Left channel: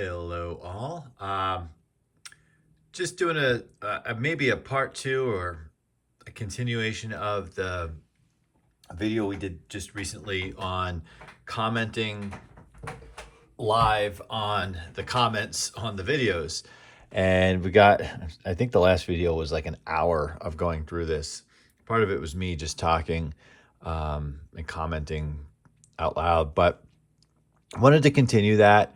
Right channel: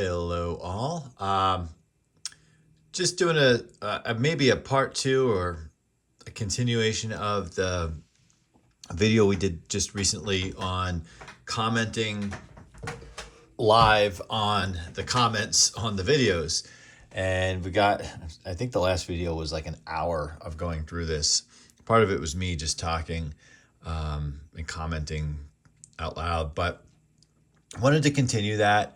Hello all. Just doing maybe a part two or a continuation of the video we did just recently on commenting live on the comments on the videos. And I think the last video was like an hour of going through this. Part of it was me just talking and commenting out loud, but I wanted to continue that.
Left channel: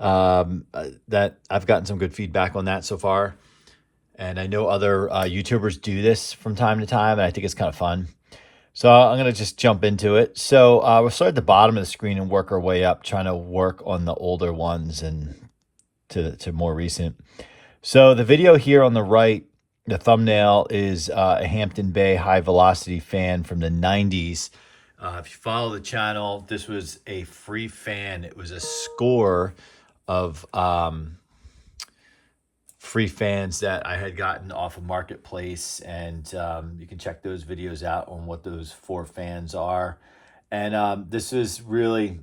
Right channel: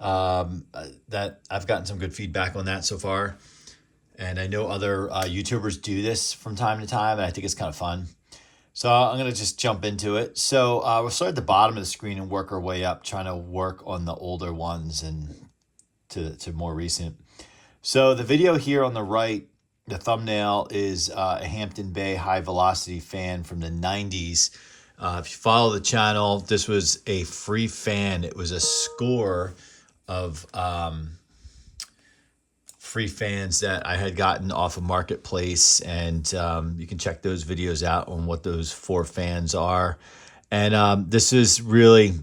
That I've gotten some good feedback on that so far. And I know other YouTubers do this from time to time, and I think it's kind of fun. So I'm going to just jump into it. So we'll start at the bottom of the screen and work our way up, trying to work on the older ones and to more recent. So the video here on the right, the thumbnail is a Hampton Bay high velocity fan from the 90s. If you follow the channel, this was a free fan. It was a score of free fans that I had gotten off of Marketplace, and you can check those videos out on what those 4 fans are. And this is really,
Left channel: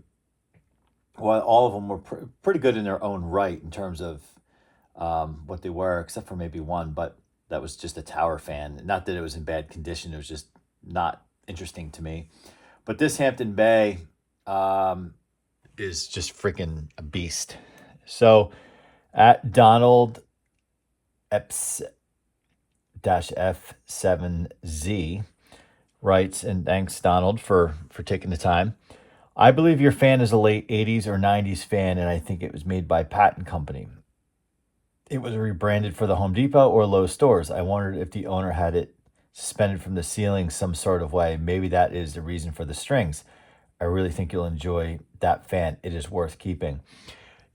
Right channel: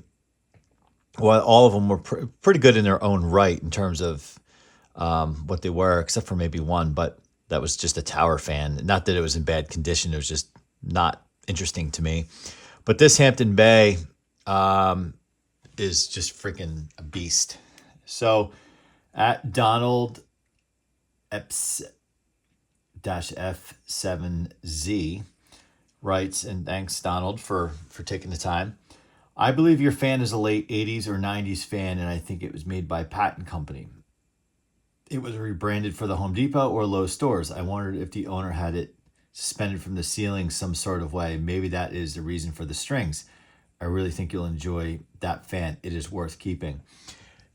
well, all of them were pretty good in their own right in terms of what they were, except for maybe one, but that was just a tower fan. Not that it was in bad condition, it was just not interesting to me. But this Hampton Bay is just freaking a beast. So at Donald Eps-F7Z writes, and thanks Donald for taking the time. I believe your fan is a late 80s or 90s fan, and I think it was made by Patent Company. It was rebranded for the Home Depot or Lowe's stores. I wondered if the owner had it suspended from the ceiling some sort of way. Maybe that is the reason for the strings. I really think you'll enjoy that fan. It is worth keeping.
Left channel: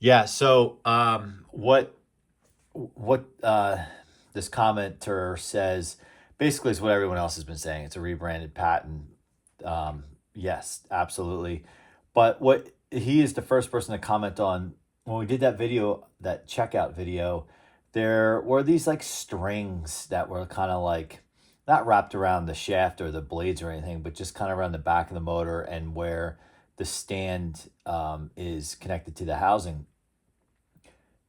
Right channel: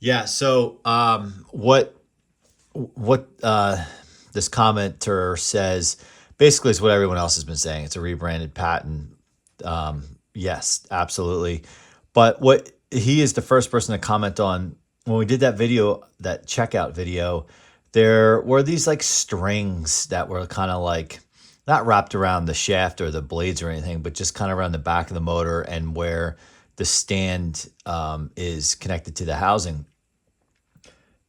Yeah, so what this commenter says basically is what everyone else has been saying. It's a rebranded patent. Yes, absolutely. But what he is the first person to comment on, when we did that video, that checkout video, there were these like strings that were kind of like not wrapped around the shaft or the blades or anything, but just kind of around the back of the motor and where the stand is connected to the housing.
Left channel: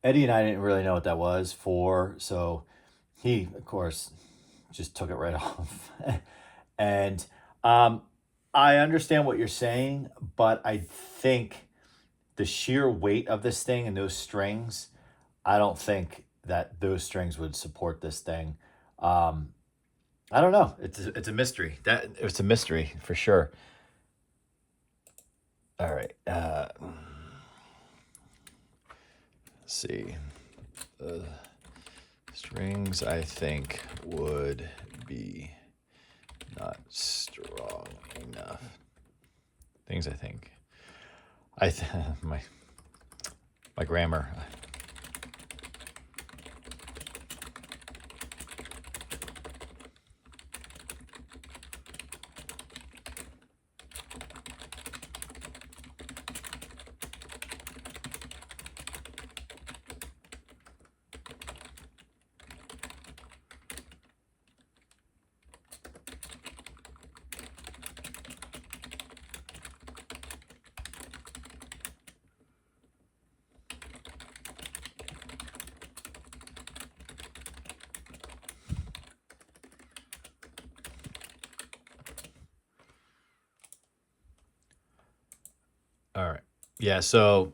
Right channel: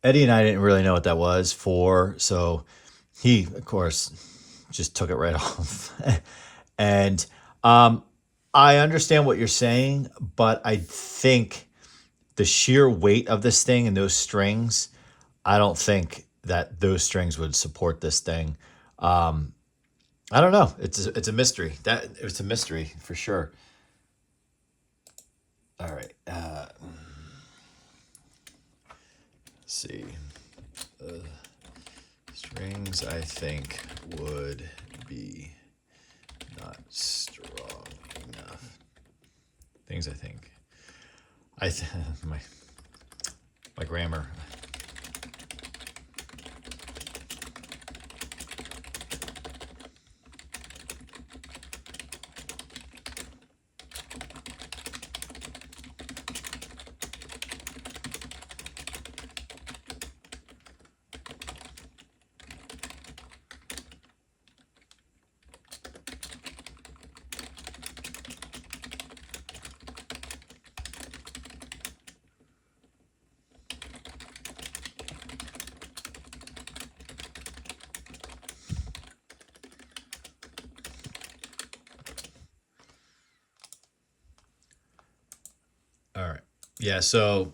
Eddie and I didn't really know what that was for, so he, of course, just took it right off. And I understand what you're saying, but I think the sheer weight of this thing and those strings, I don't think that those strings would support this thing. I don't know. It's a mystery. It's a mystery for sure. All right. Let's see. Strings, I think, would be not strong enough. Things I think. My grammar. All right. Yeah, so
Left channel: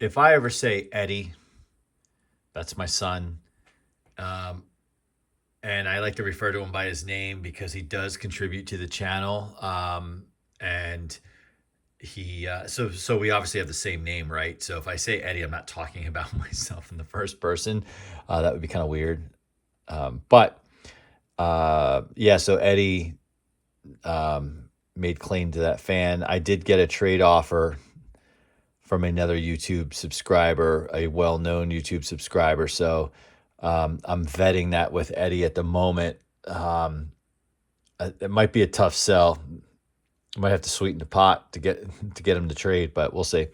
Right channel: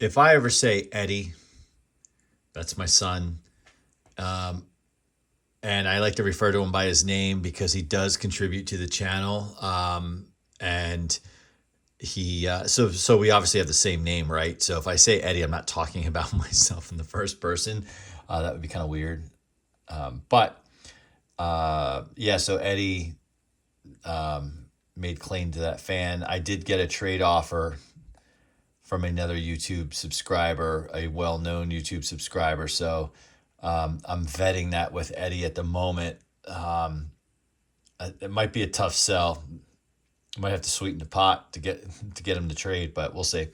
if I ever say Eddie, that's my son. And I like to refer to him by his name because he does contribute to the channel. And he so we obviously have the same name, right? So if I say Eddie, I'm not talking about myself in the first person. That would be kind of weird. But yeah, so Eddie made claim to that fan. I did get a trade offer from another YouTube subscriber, a well-known YouTube subscriber. So I'm vetting that with Eddie at the moment. It might be a tough sell. I might have to sweeten the pot to get him to trade, but we'll see.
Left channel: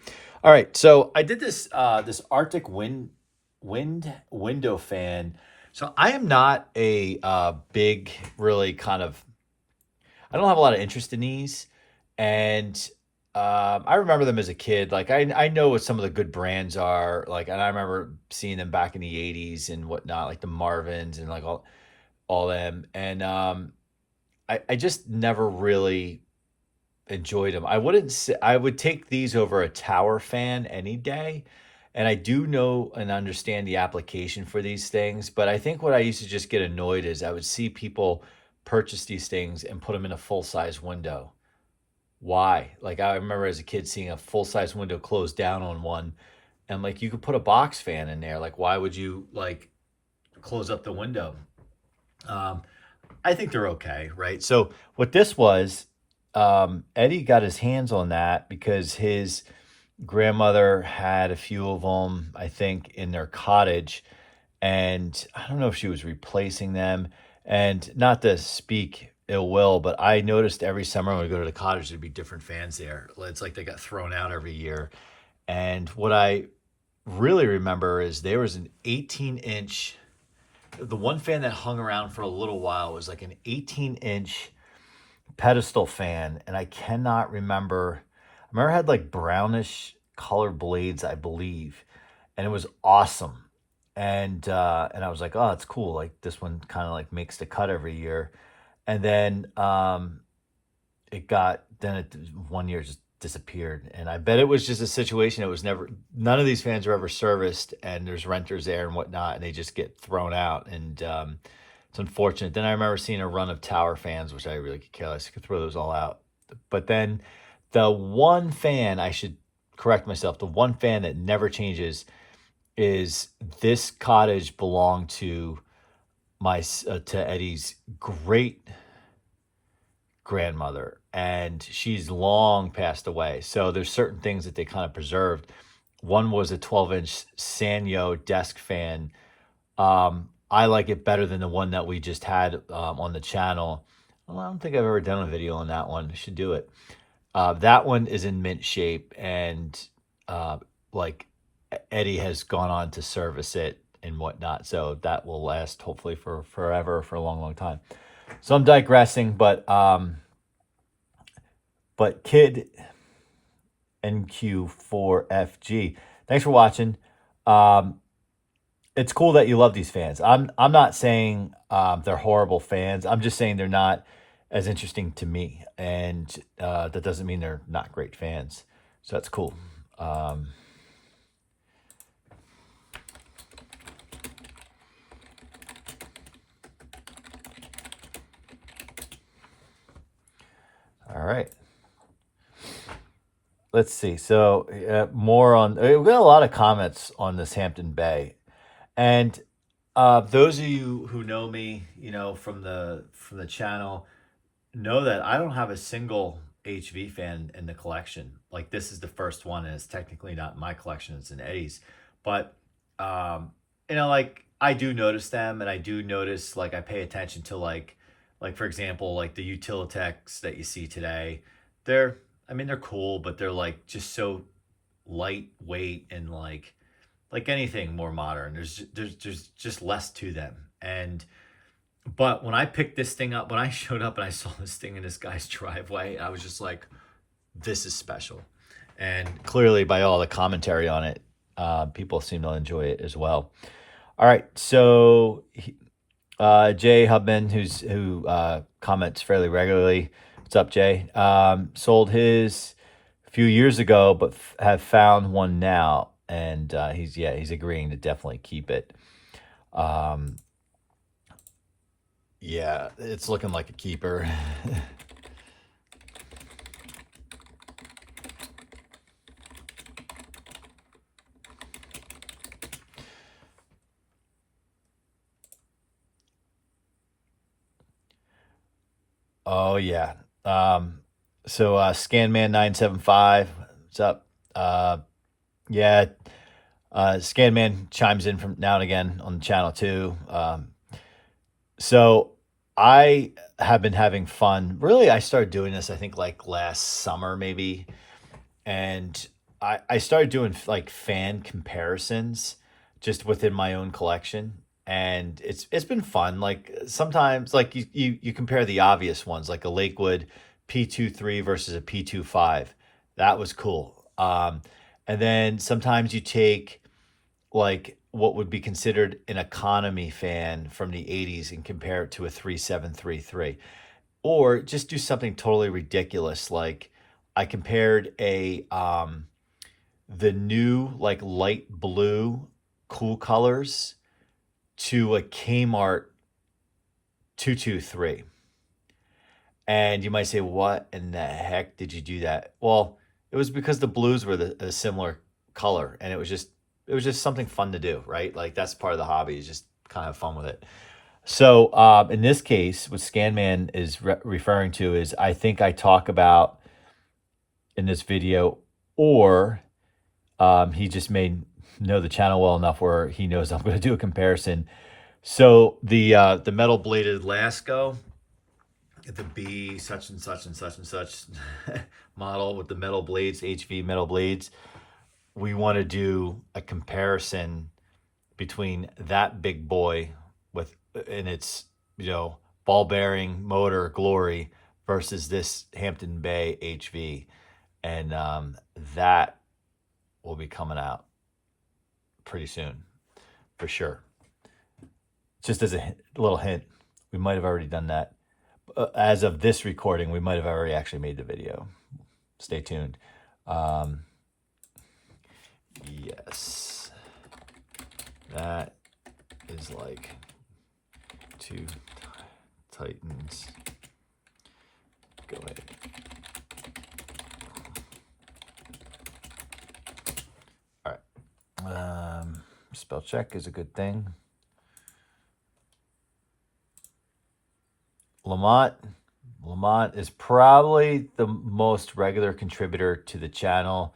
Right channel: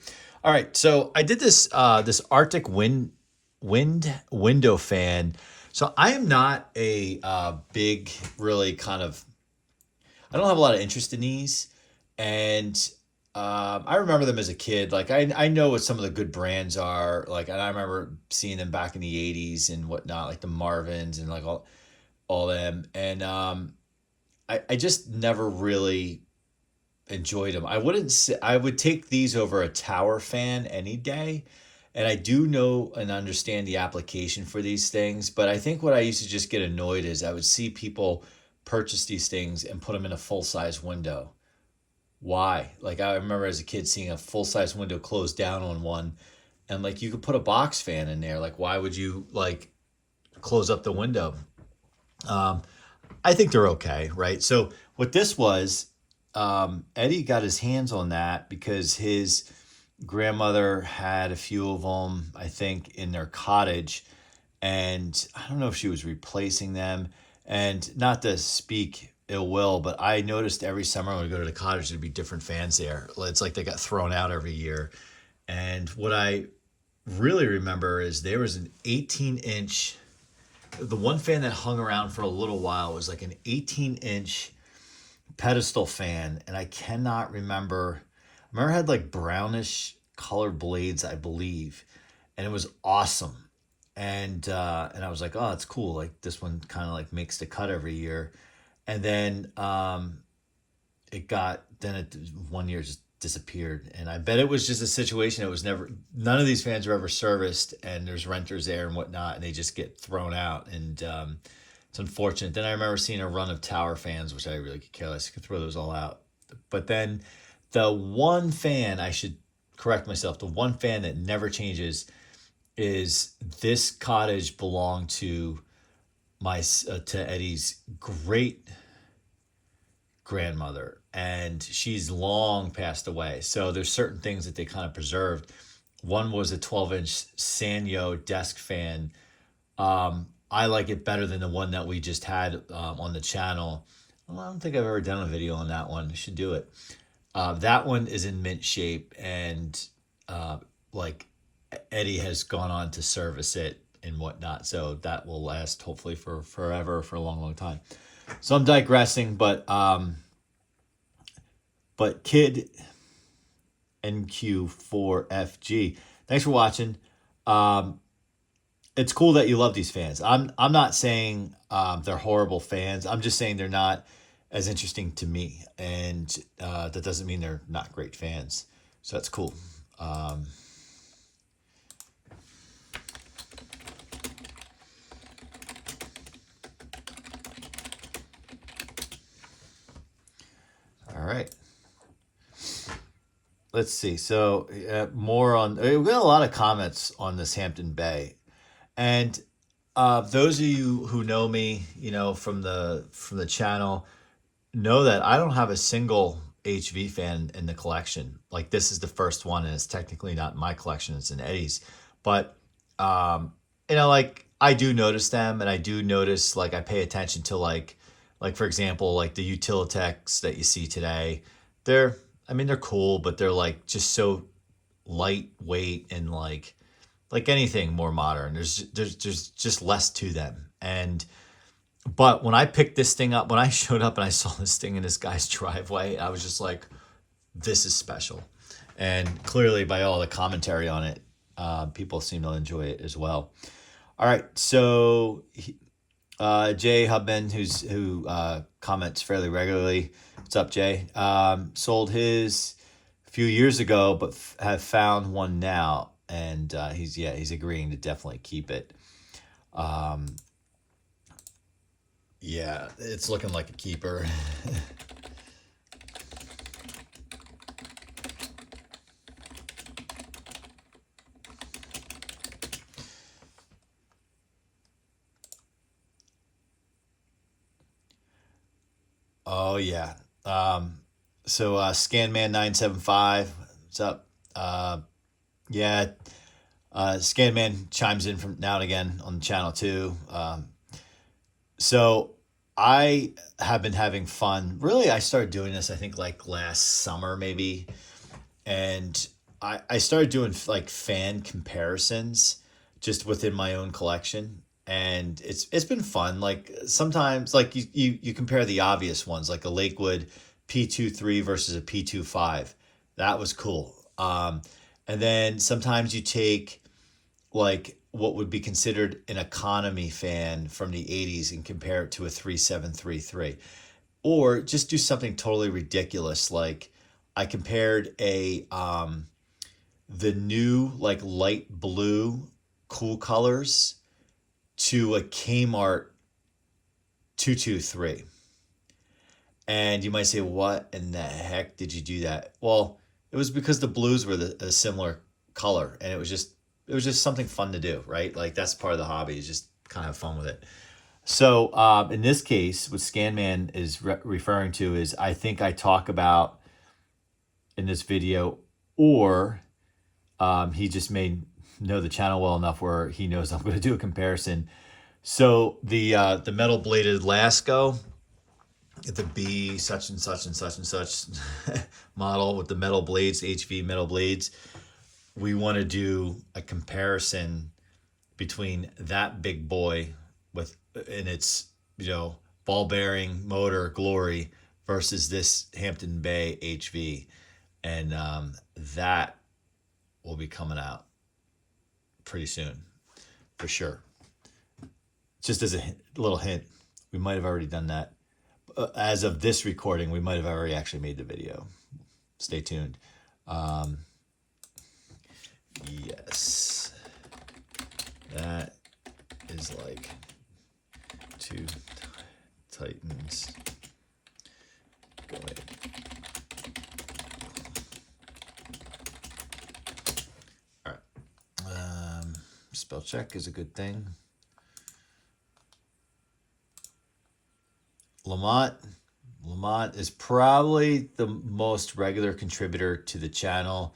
All right, so I did this this Arctic wind window fan. So I am not a big, really kind of, I don't have a lot of interest in these. And I remember them as a kid. Like I know what some of the good brands are. Like, and I remember seeing them back in the '80s and whatnot, like the Marvins and like all them. And I just never really enjoyed them. I wouldn't say I would take these over a tower fan any day. And I do know and understand the application for these things, but I think what I used to just get annoyed is I would see people purchase these things and put them in a full size window. Why? Like I remember as a kid seeing a full size window close down on one, and like you could put a box fan in there. Like why would you like close up the window? Um, I think they're okay, right? So what this was, Eddie got his hands on that because his grandmother had a few of them, I think, in their cottage, and I don't know if she was replacing them. And not to speak ill will, but I noticed every summer when we go to the cottage, there'd be different fans there. It's like they got thrown out every year. And what I really remember is there was an 18-inch. The one fan that hung around for a little while was like an 18-inch pedestal fan, and I cannot remember. I remember it had like brownish colored blades, I believe, and it was awesome. And I was like, oh, it's cool. Like this one kind of like makes the cut every year. And then it one year just disappeared. And I bet it was just a situation. It was never, none of these fans were ever serviced, and there's renters there and whatnot, and they just get thrown out. And it's unfortunate. Then I remember seeing a run of tower fans, which I really could care less. I could throw those all out. But then the one fan, I should correct myself, the one fan that never changes is this cottage belonged to to Eddie's great grandmother, and she's long passed away. So there's certain things that they kind of preserved. One was a 12-inch Sanyo desk fan. I like it better than the one that we just had on the channel. Well, I don't think I've ever done a video on that one. I should do it. That one is in mint shape, and like Eddie has gone on to service it and whatnot. So that will last hopefully for forever, for a long, long time. So I'm digressing, but Kid NQ4FG, thanks for watching. It's cool that you love these fans. I'm not saying they're horrible fans. I'm just saying they're not as interesting to me, and that doesn't mean they're not great fans. So that's cool. All right. Let's see. So more on. We got a lot of comments on this Hampton Bay, and those of you who know me, from the channel, know that I don't have a single HV fan in the collection. Like this is the first one, and it's technically not my collection; it's in Eddie's. But like I do notice them, and I do notice like I pay attention to like for example, like the Utilitechs that you see today. They're cool, but they're like just so lightweight and like anything more modern. There's just less to them. But when I picked this thing up, when I showed up and I saw this thing in this guy's driveway, I was just like, this is special. And clearly by all the commentary on it, people seem to enjoy it as well. All right, so Jay Hubman, who comments fairly regularly. What's up, Jay? Sold his a few years ago, but have found one now, and he's agreeing to definitely keep it. Yeah, it's looking like a keeper. Oh yeah. So Scanman975, what's up? Yeah, Scanman chimes in from now and again on the channel too. So I have been having fun. Really, I started doing this, I think, like last summer, maybe. And I started doing like fan comparisons just within my own collection. And it's been fun. Like sometimes like you compare the obvious ones, like a Lakewood P23 versus a P25. That was cool. And then sometimes you take like what would be considered an economy fan from the 80s and compare it to a 3733, or just do something totally ridiculous. Like I compared a the new like light blue cool colors to a Kmart 223. And you might say, what in the heck did you do that? Well, it was because the blues were a similar color, and it was just something fun to do, right? Like that's part of the hobby, is just kind of have fun with it. So in this case, what Scanman is referring to is, I think I talk about in this video, or he just may know the channel well enough where he knows I'm going to do a comparison. So the metal bladed Lasko, the B such and such and such and such model with the metal blades, HV metal blades, we want to do a comparison between that big boy with in its ball bearing motor glory versus this Hampton Bay HV, and that will be coming out pretty soon for sure. Just as a little hint, we might have already done that. As of this recording, we might have already actually made the video. Stay tuned. Yes, that is like two Titans. Go ahead. All right. Spell check is a good thing. Lamont is probably the most regular contributor to the channel,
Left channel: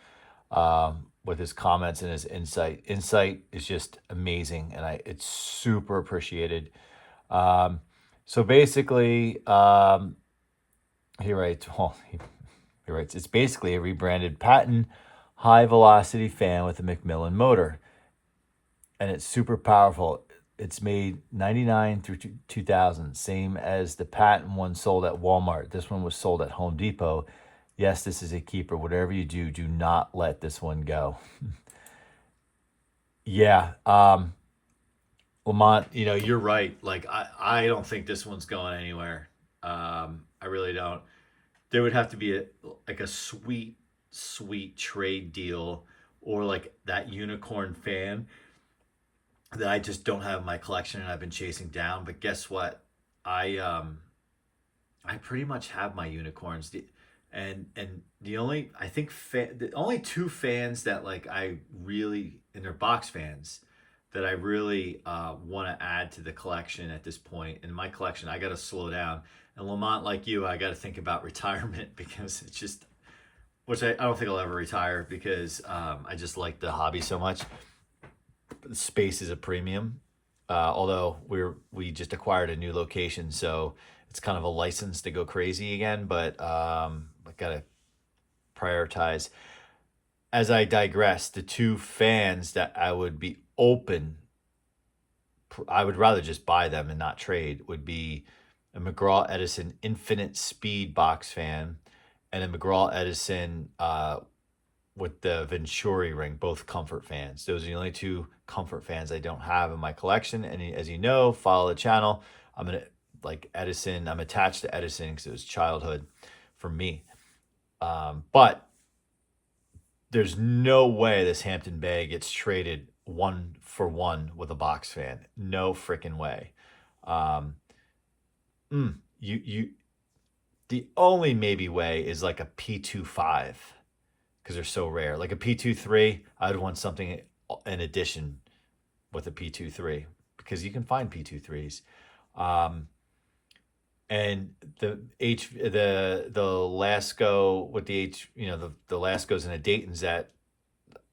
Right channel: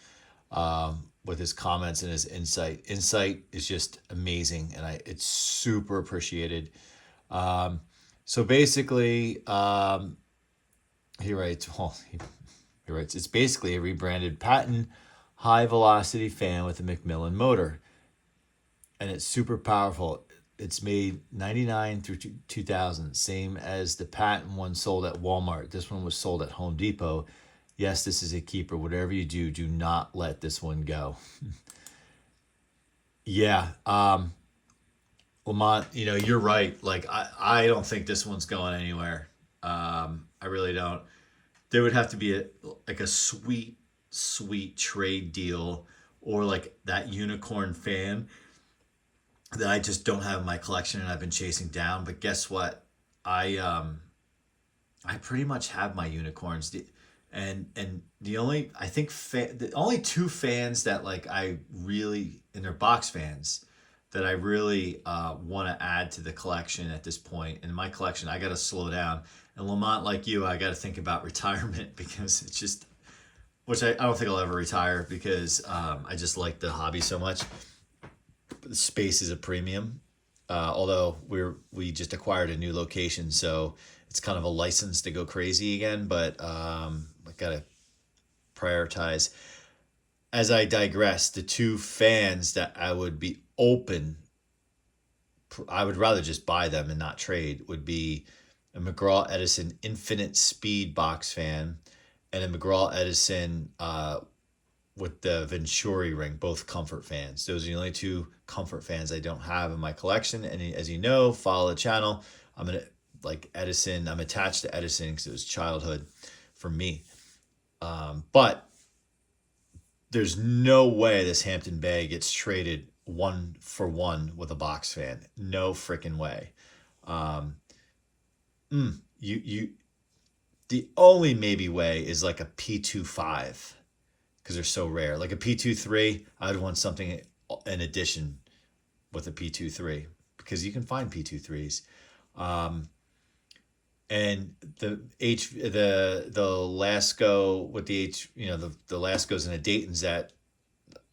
with his comments and his insight. Insight is just amazing, and it's super appreciated. So basically, he writes, it's basically a rebranded patent high velocity fan with a McMillan motor, and it's super powerful. It's made 99 through 2000, same as the patent one sold at Walmart. This one was sold at Home Depot. Yes, this is a keeper. Whatever you do, do not let this one go. Yeah, Lamont, you're right. Like, I don't think this one's going anywhere. I really don't. There would have to be a sweet, sweet trade deal, or like that unicorn fan that I just don't have in my collection and I've been chasing down. But guess what? I pretty much have my unicorns. And the only, I think the only two fans that like I really, and they're box fans, that I really want to add to the collection at this point. In my collection, I got to slow down. And Lamont, like you, I got to think about retirement, because it's just, which I don't think I'll ever retire, because I just like the hobby so much. Space is a premium, although we just acquired a new location, so it's kind of a license to go crazy again. But I gotta prioritize. As I digress, the two fans that I would be open, I would rather just buy them and not trade, would be a McGraw Edison Infinite Speed box fan and a McGraw Edison with the Venturi ring, both comfort fans. Those are the only two comfort fans I don't have in my collection. And as you know, follow the channel, I'm attached to Edison because it was childhood for me. But there's no way this Hampton Bay gets traded 1-for-1 with a box fan. No freaking way. The only maybe way is like a P25, because they're so rare. Like a P23, I'd want something in addition with a P23, because you can find P23s. And the Lasko with the the Laskos and the Daytons that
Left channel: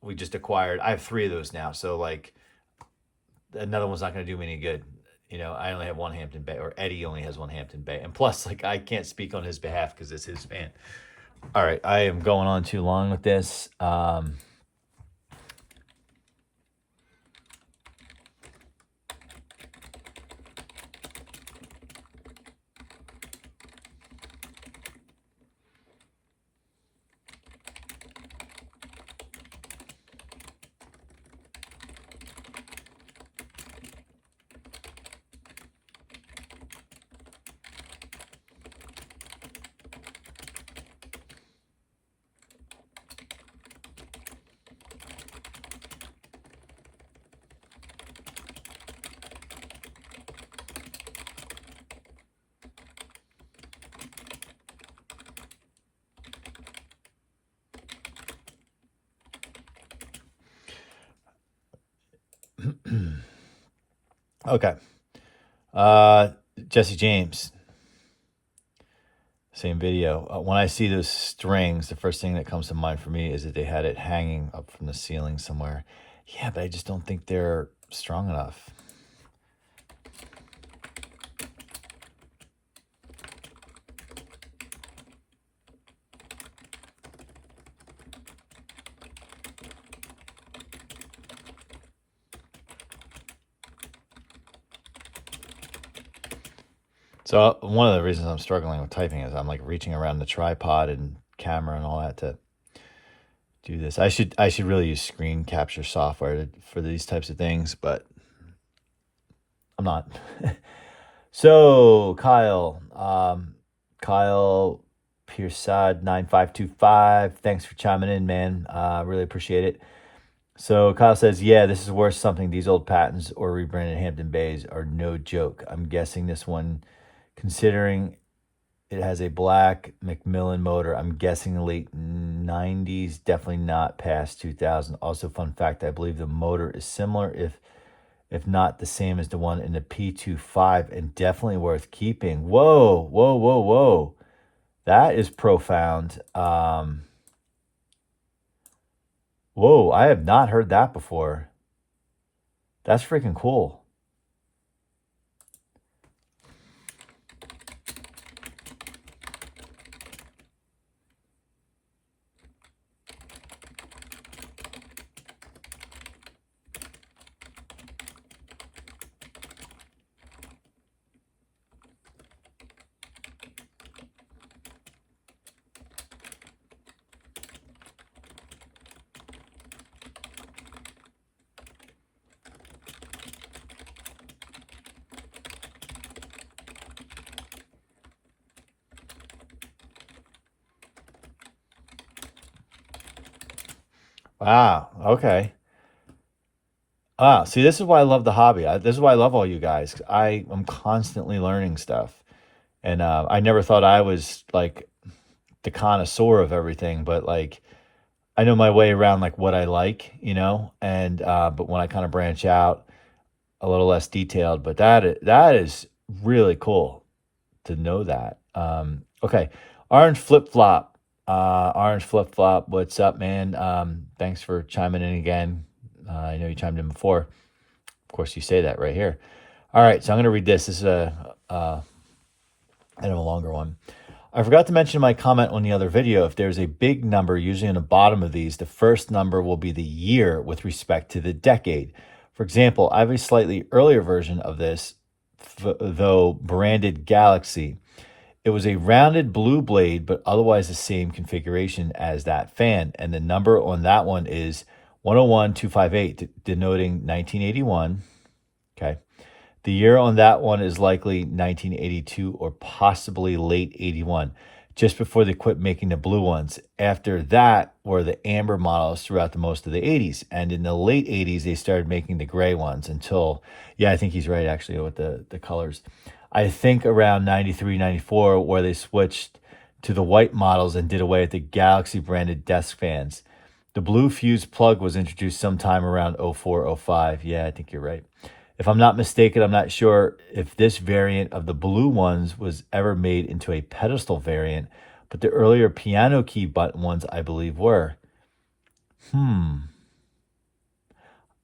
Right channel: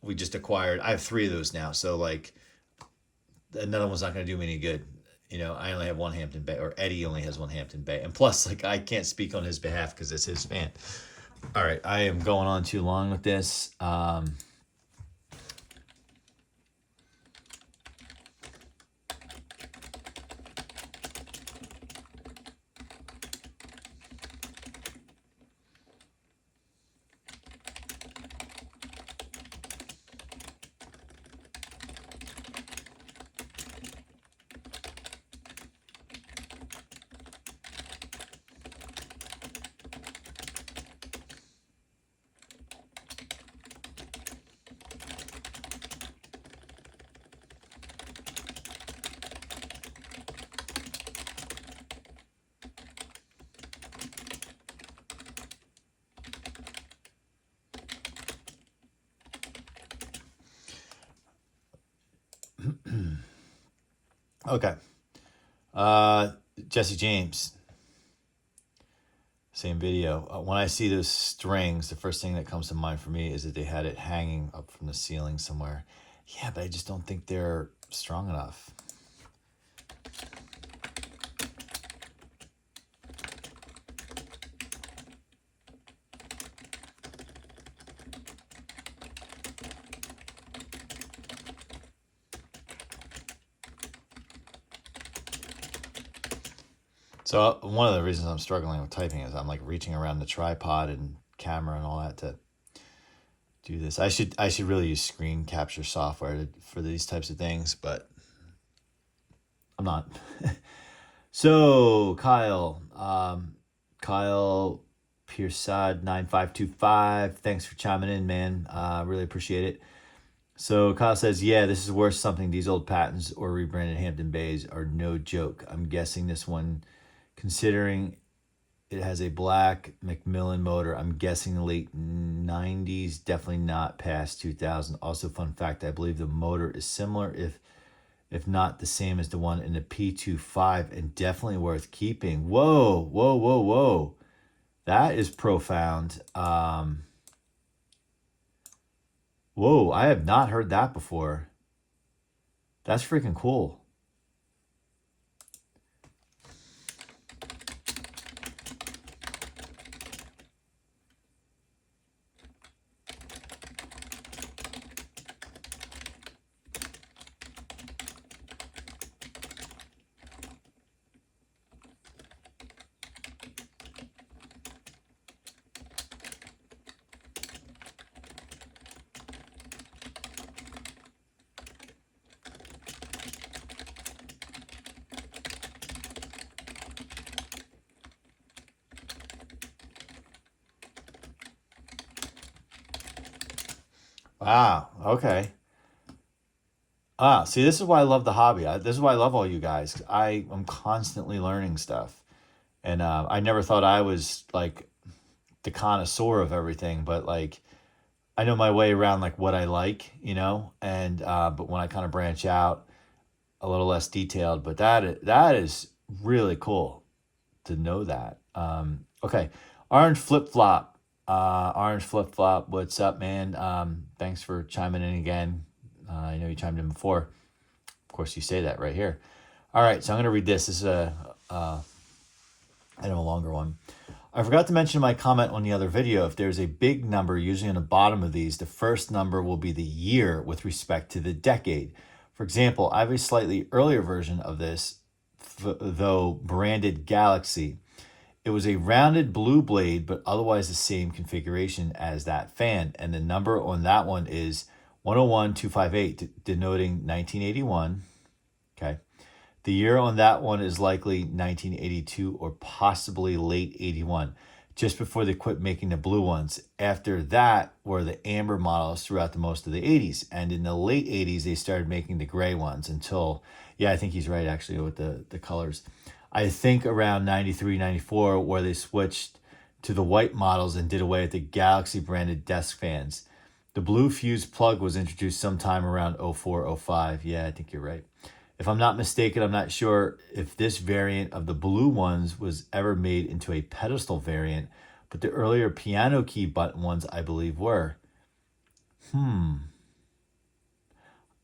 we just acquired, I have 3 of those now. So like another one's not going to do me any good. I only have one Hampton Bay, or Eddie only has one Hampton Bay. And plus, like, I can't speak on his behalf because it's his fan. All right, I am going on too long with this. Okay. Jesse James, same video. When I see those strings, the first thing that comes to mind for me is that they had it hanging up from the ceiling somewhere. Yeah, but I just don't think they're strong enough. So one of the reasons I'm struggling with typing is I'm like reaching around the tripod and camera and all that to do this. I should really use screen capture software for these types of things, but I'm not. So Kyle Piersad 9525, thanks for chiming in, man. Really appreciate it. So Kyle says, yeah, this is worth something. These old patents or rebranded Hampton Bays are no joke. I'm guessing this one, considering it has a black Macmillan motor, I'm guessing the late 90s, definitely not past 2000. Also, fun fact, I believe the motor is similar, if not the same as the one in the P25, and definitely worth keeping. Whoa, whoa, whoa, whoa. That is profound. Whoa, I have not heard that before. That's freaking cool. Wow, okay. See, this is why I love the hobby. This is why I love all you guys. I am constantly learning stuff. And I never thought I was like the connoisseur of everything, but like I know my way around like what I like, and but when I kind of branch out, a little less detailed, but that is really cool to know that. Okay. Orange flip flop. Orange flip flop. What's up, man? Thanks for chiming in again. I know you chimed in before. Of course, you say that right here. All right, so I'm going to read this. This is a longer one. I forgot to mention my comment on the other video. If there's a big number, usually on the bottom of these, the first number will be the year with respect to the decade. For example, I have a slightly earlier version of this, though branded Galaxy. It was a rounded blue blade, but otherwise the same configuration as that fan. And the number on that one is 101258, denoting 1981. Okay. The year on that one is likely 1982 or possibly late 81, just before they quit making the blue ones. After that were the amber models throughout the most of the 80s. And in the late 80s, they started making the gray ones until, yeah, I think he's right actually with the colors. I think around 93, 94, where they switched to the white models and did away with the Galaxy branded desk fans. The blue fuse plug was introduced sometime around 04, 05. Yeah, I think you're right. If I'm not mistaken, I'm not sure if this variant of the blue ones was ever made into a pedestal variant, but the earlier piano key button ones, I believe, were.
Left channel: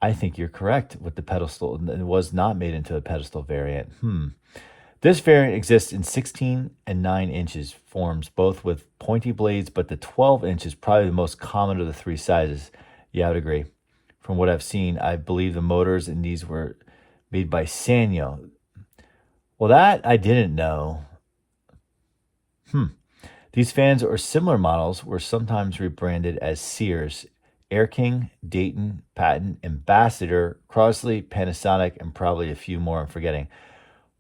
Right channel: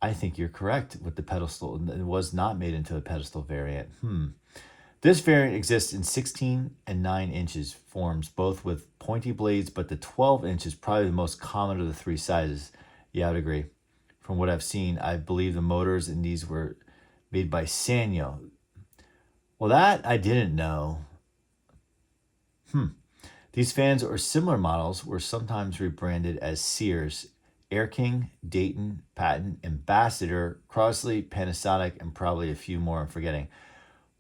I think you're correct with the pedestal. It was not made into a pedestal variant. This variant exists in 16 and 9 inches forms, both with pointy blades, but the 12 inch is probably the most common of the three sizes. Yeah, I would agree. From what I've seen, I believe the motors in these were made by Sanyo. Well, that I didn't know. These fans or similar models were sometimes rebranded as Sears, Air King, Dayton, Patton, Ambassador, Crosley, Panasonic, and probably a few more I'm forgetting.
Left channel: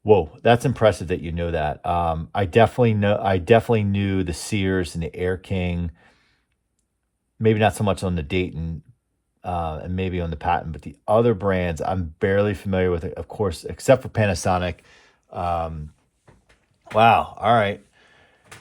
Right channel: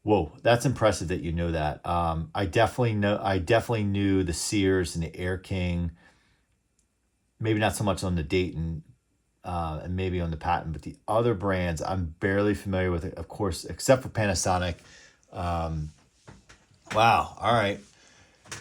Whoa, that's impressive that you know that. I definitely knew the Sears and the Air King. Maybe not so much on the Dayton, and maybe on the Patton, but the other brands I'm barely familiar with, of course, except for Panasonic. Wow. All right.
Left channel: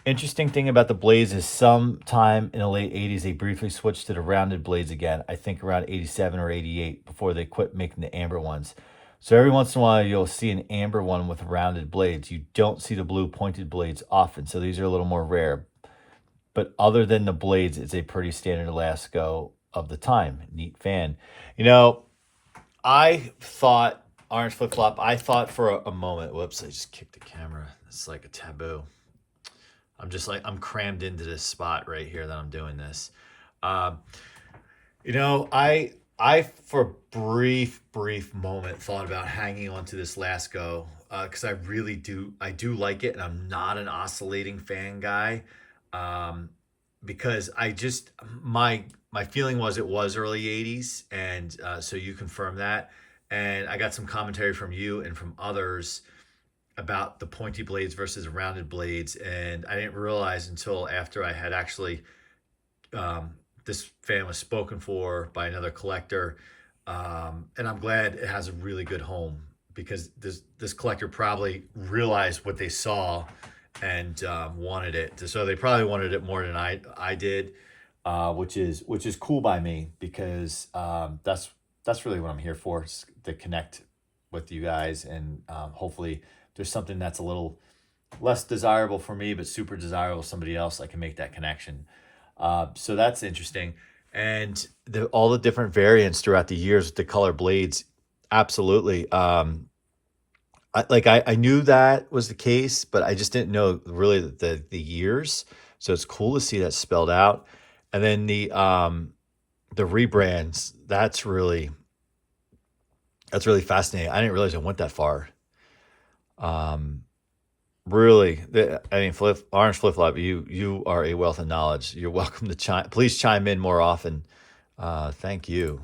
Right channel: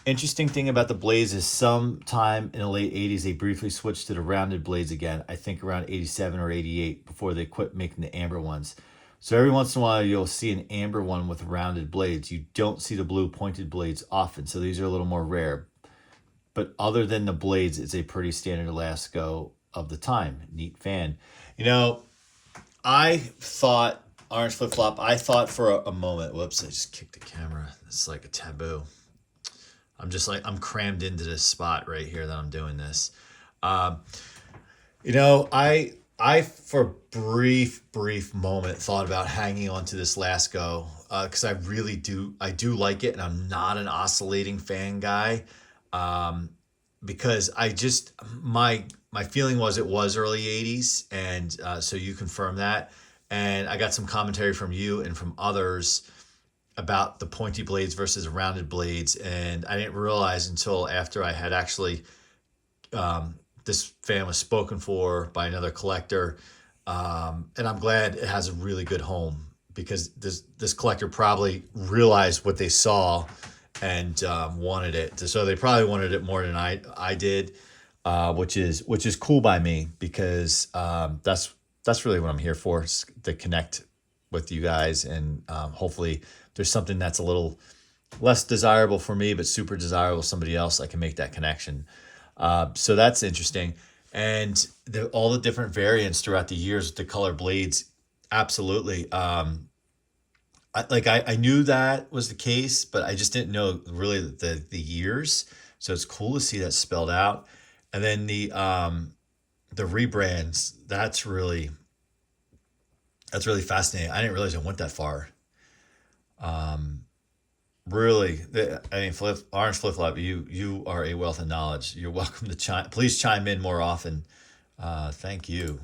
Interesting thing about the blades is sometime in the late 80s, they briefly switched to the rounded blades again. I think around 87 or 88 before they quit making the amber ones. So every once in a while, you'll see an amber one with rounded blades. You don't see the blue pointed blades often, so these are a little more rare. But other than the blades, it's a pretty standard Lasko of the time. Neat fan. You know, I thought orange flip flop. I thought for a moment. Whoops! I just kicked the camera. It's like a taboo. I'm just like I'm crammed into this spot right here that I'm doing this. Um, you know, I for a brief moment thought about hanging on to this Lasko because I do like it, and I'm not an oscillating fan guy. Um, because I just my feeling was it was early '80s, and so you confirm that, and I got some commentary from you and from others about the pointy blades versus rounded blades, and I didn't realize until after I had actually this fan was spoken for by another collector, and I'm glad it has a really good home because this collector probably realized what they saw and wanted it. So they probably wanted it more than I did, which is cool by me because that's really what I'm here for, is to connect with you guys, and hopefully there's something that's a little less desirable for me but super desirable to somebody else. I can make that connection. So that's interesting. And all the different variants throughout the years with the color blades, absolutely. I knew that was the case, but I just didn't know really the years. So it's cool to see that spelled out. And then the rebrands, that's really fascinating. I didn't realize it went that far. Um, Really, I mean, orange flip flop. You are a wealth of knowledge. You're welcome to please chime in more often. Thank you.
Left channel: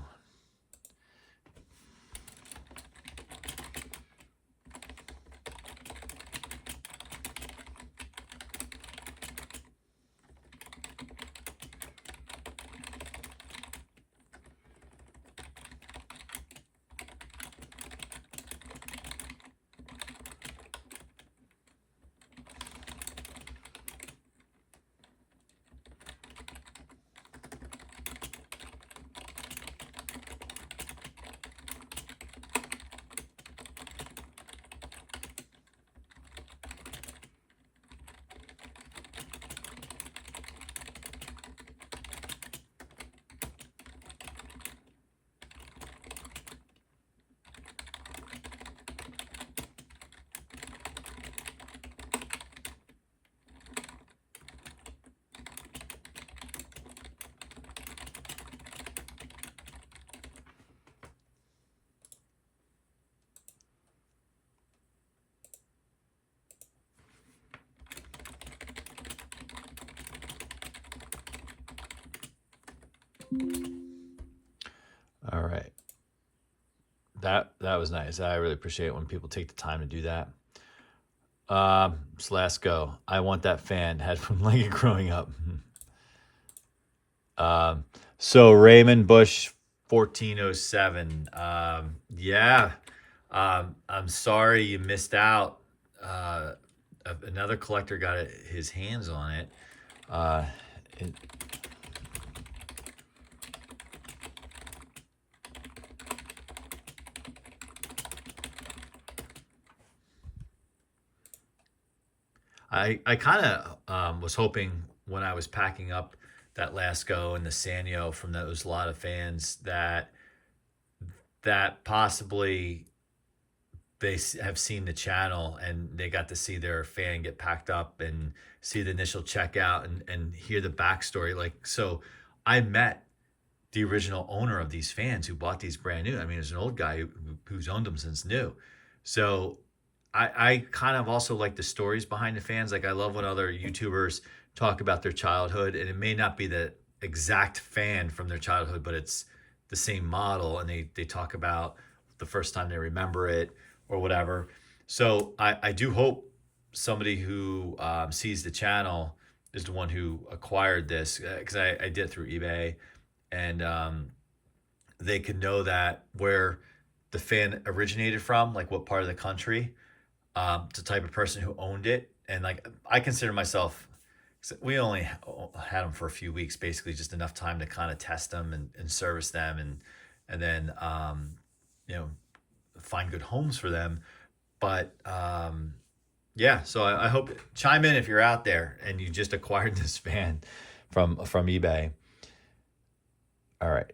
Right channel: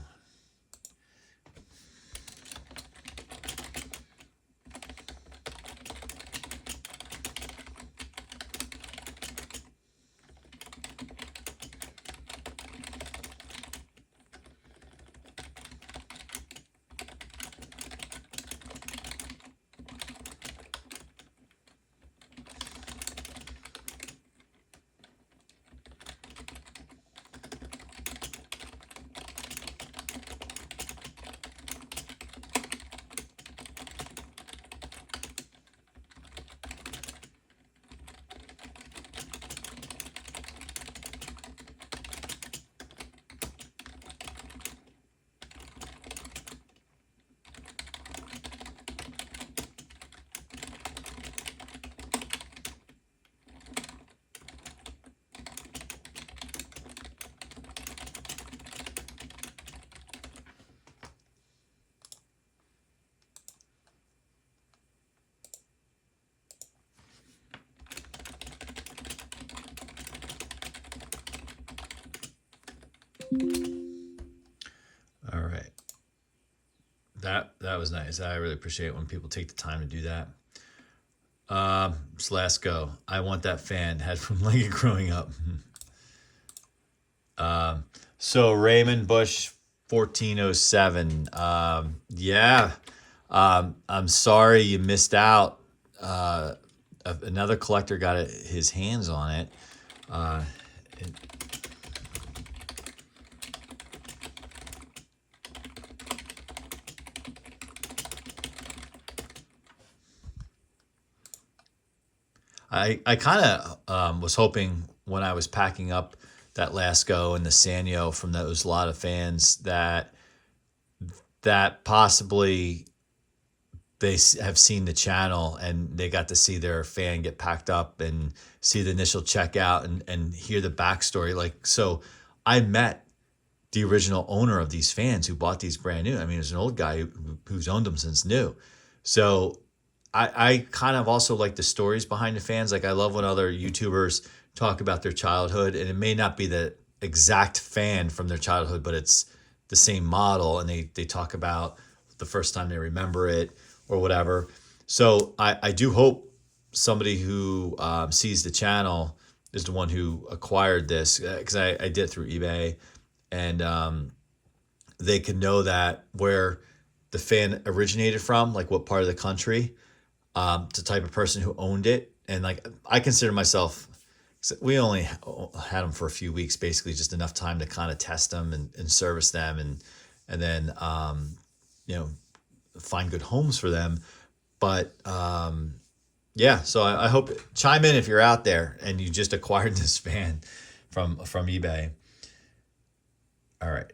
All right, that was nice. I really appreciate it when people take the time to do that. Lasko, I want that fan. Had from Lincoln growing up. So Raymond Bush 1407. Yeah. I'm sorry you missed out. Another collector got his hands on it. Uh, it I kind of was hoping when I was packing up that Lasco and the Sanyo from those lot of fans that possibly have seen the channel and they got to see their fan get packed up and see the initial checkout and hear the backstory. Like, so I met the original owner of these fans who bought these brand new. I mean, it's an old guy who's owned them since new. So I kind of also like the stories behind the fans. Like, I love when other YouTubers talk about their childhood, and it may not be the exact fan from their childhood, but it's the same model, and they talk about the first time they remember it or whatever. So I do hope somebody who sees the channel is the one who acquired this, because I did it through eBay, and they can know that where the fan originated from, like what part of the country, the type of person who owned it. And like, I consider myself, we only had them for a few weeks, basically just enough time to kind of test them and service them, and then you know, find good homes for them. But yeah, so I hope, chime in if you're out there and you just acquired this fan from eBay. All right.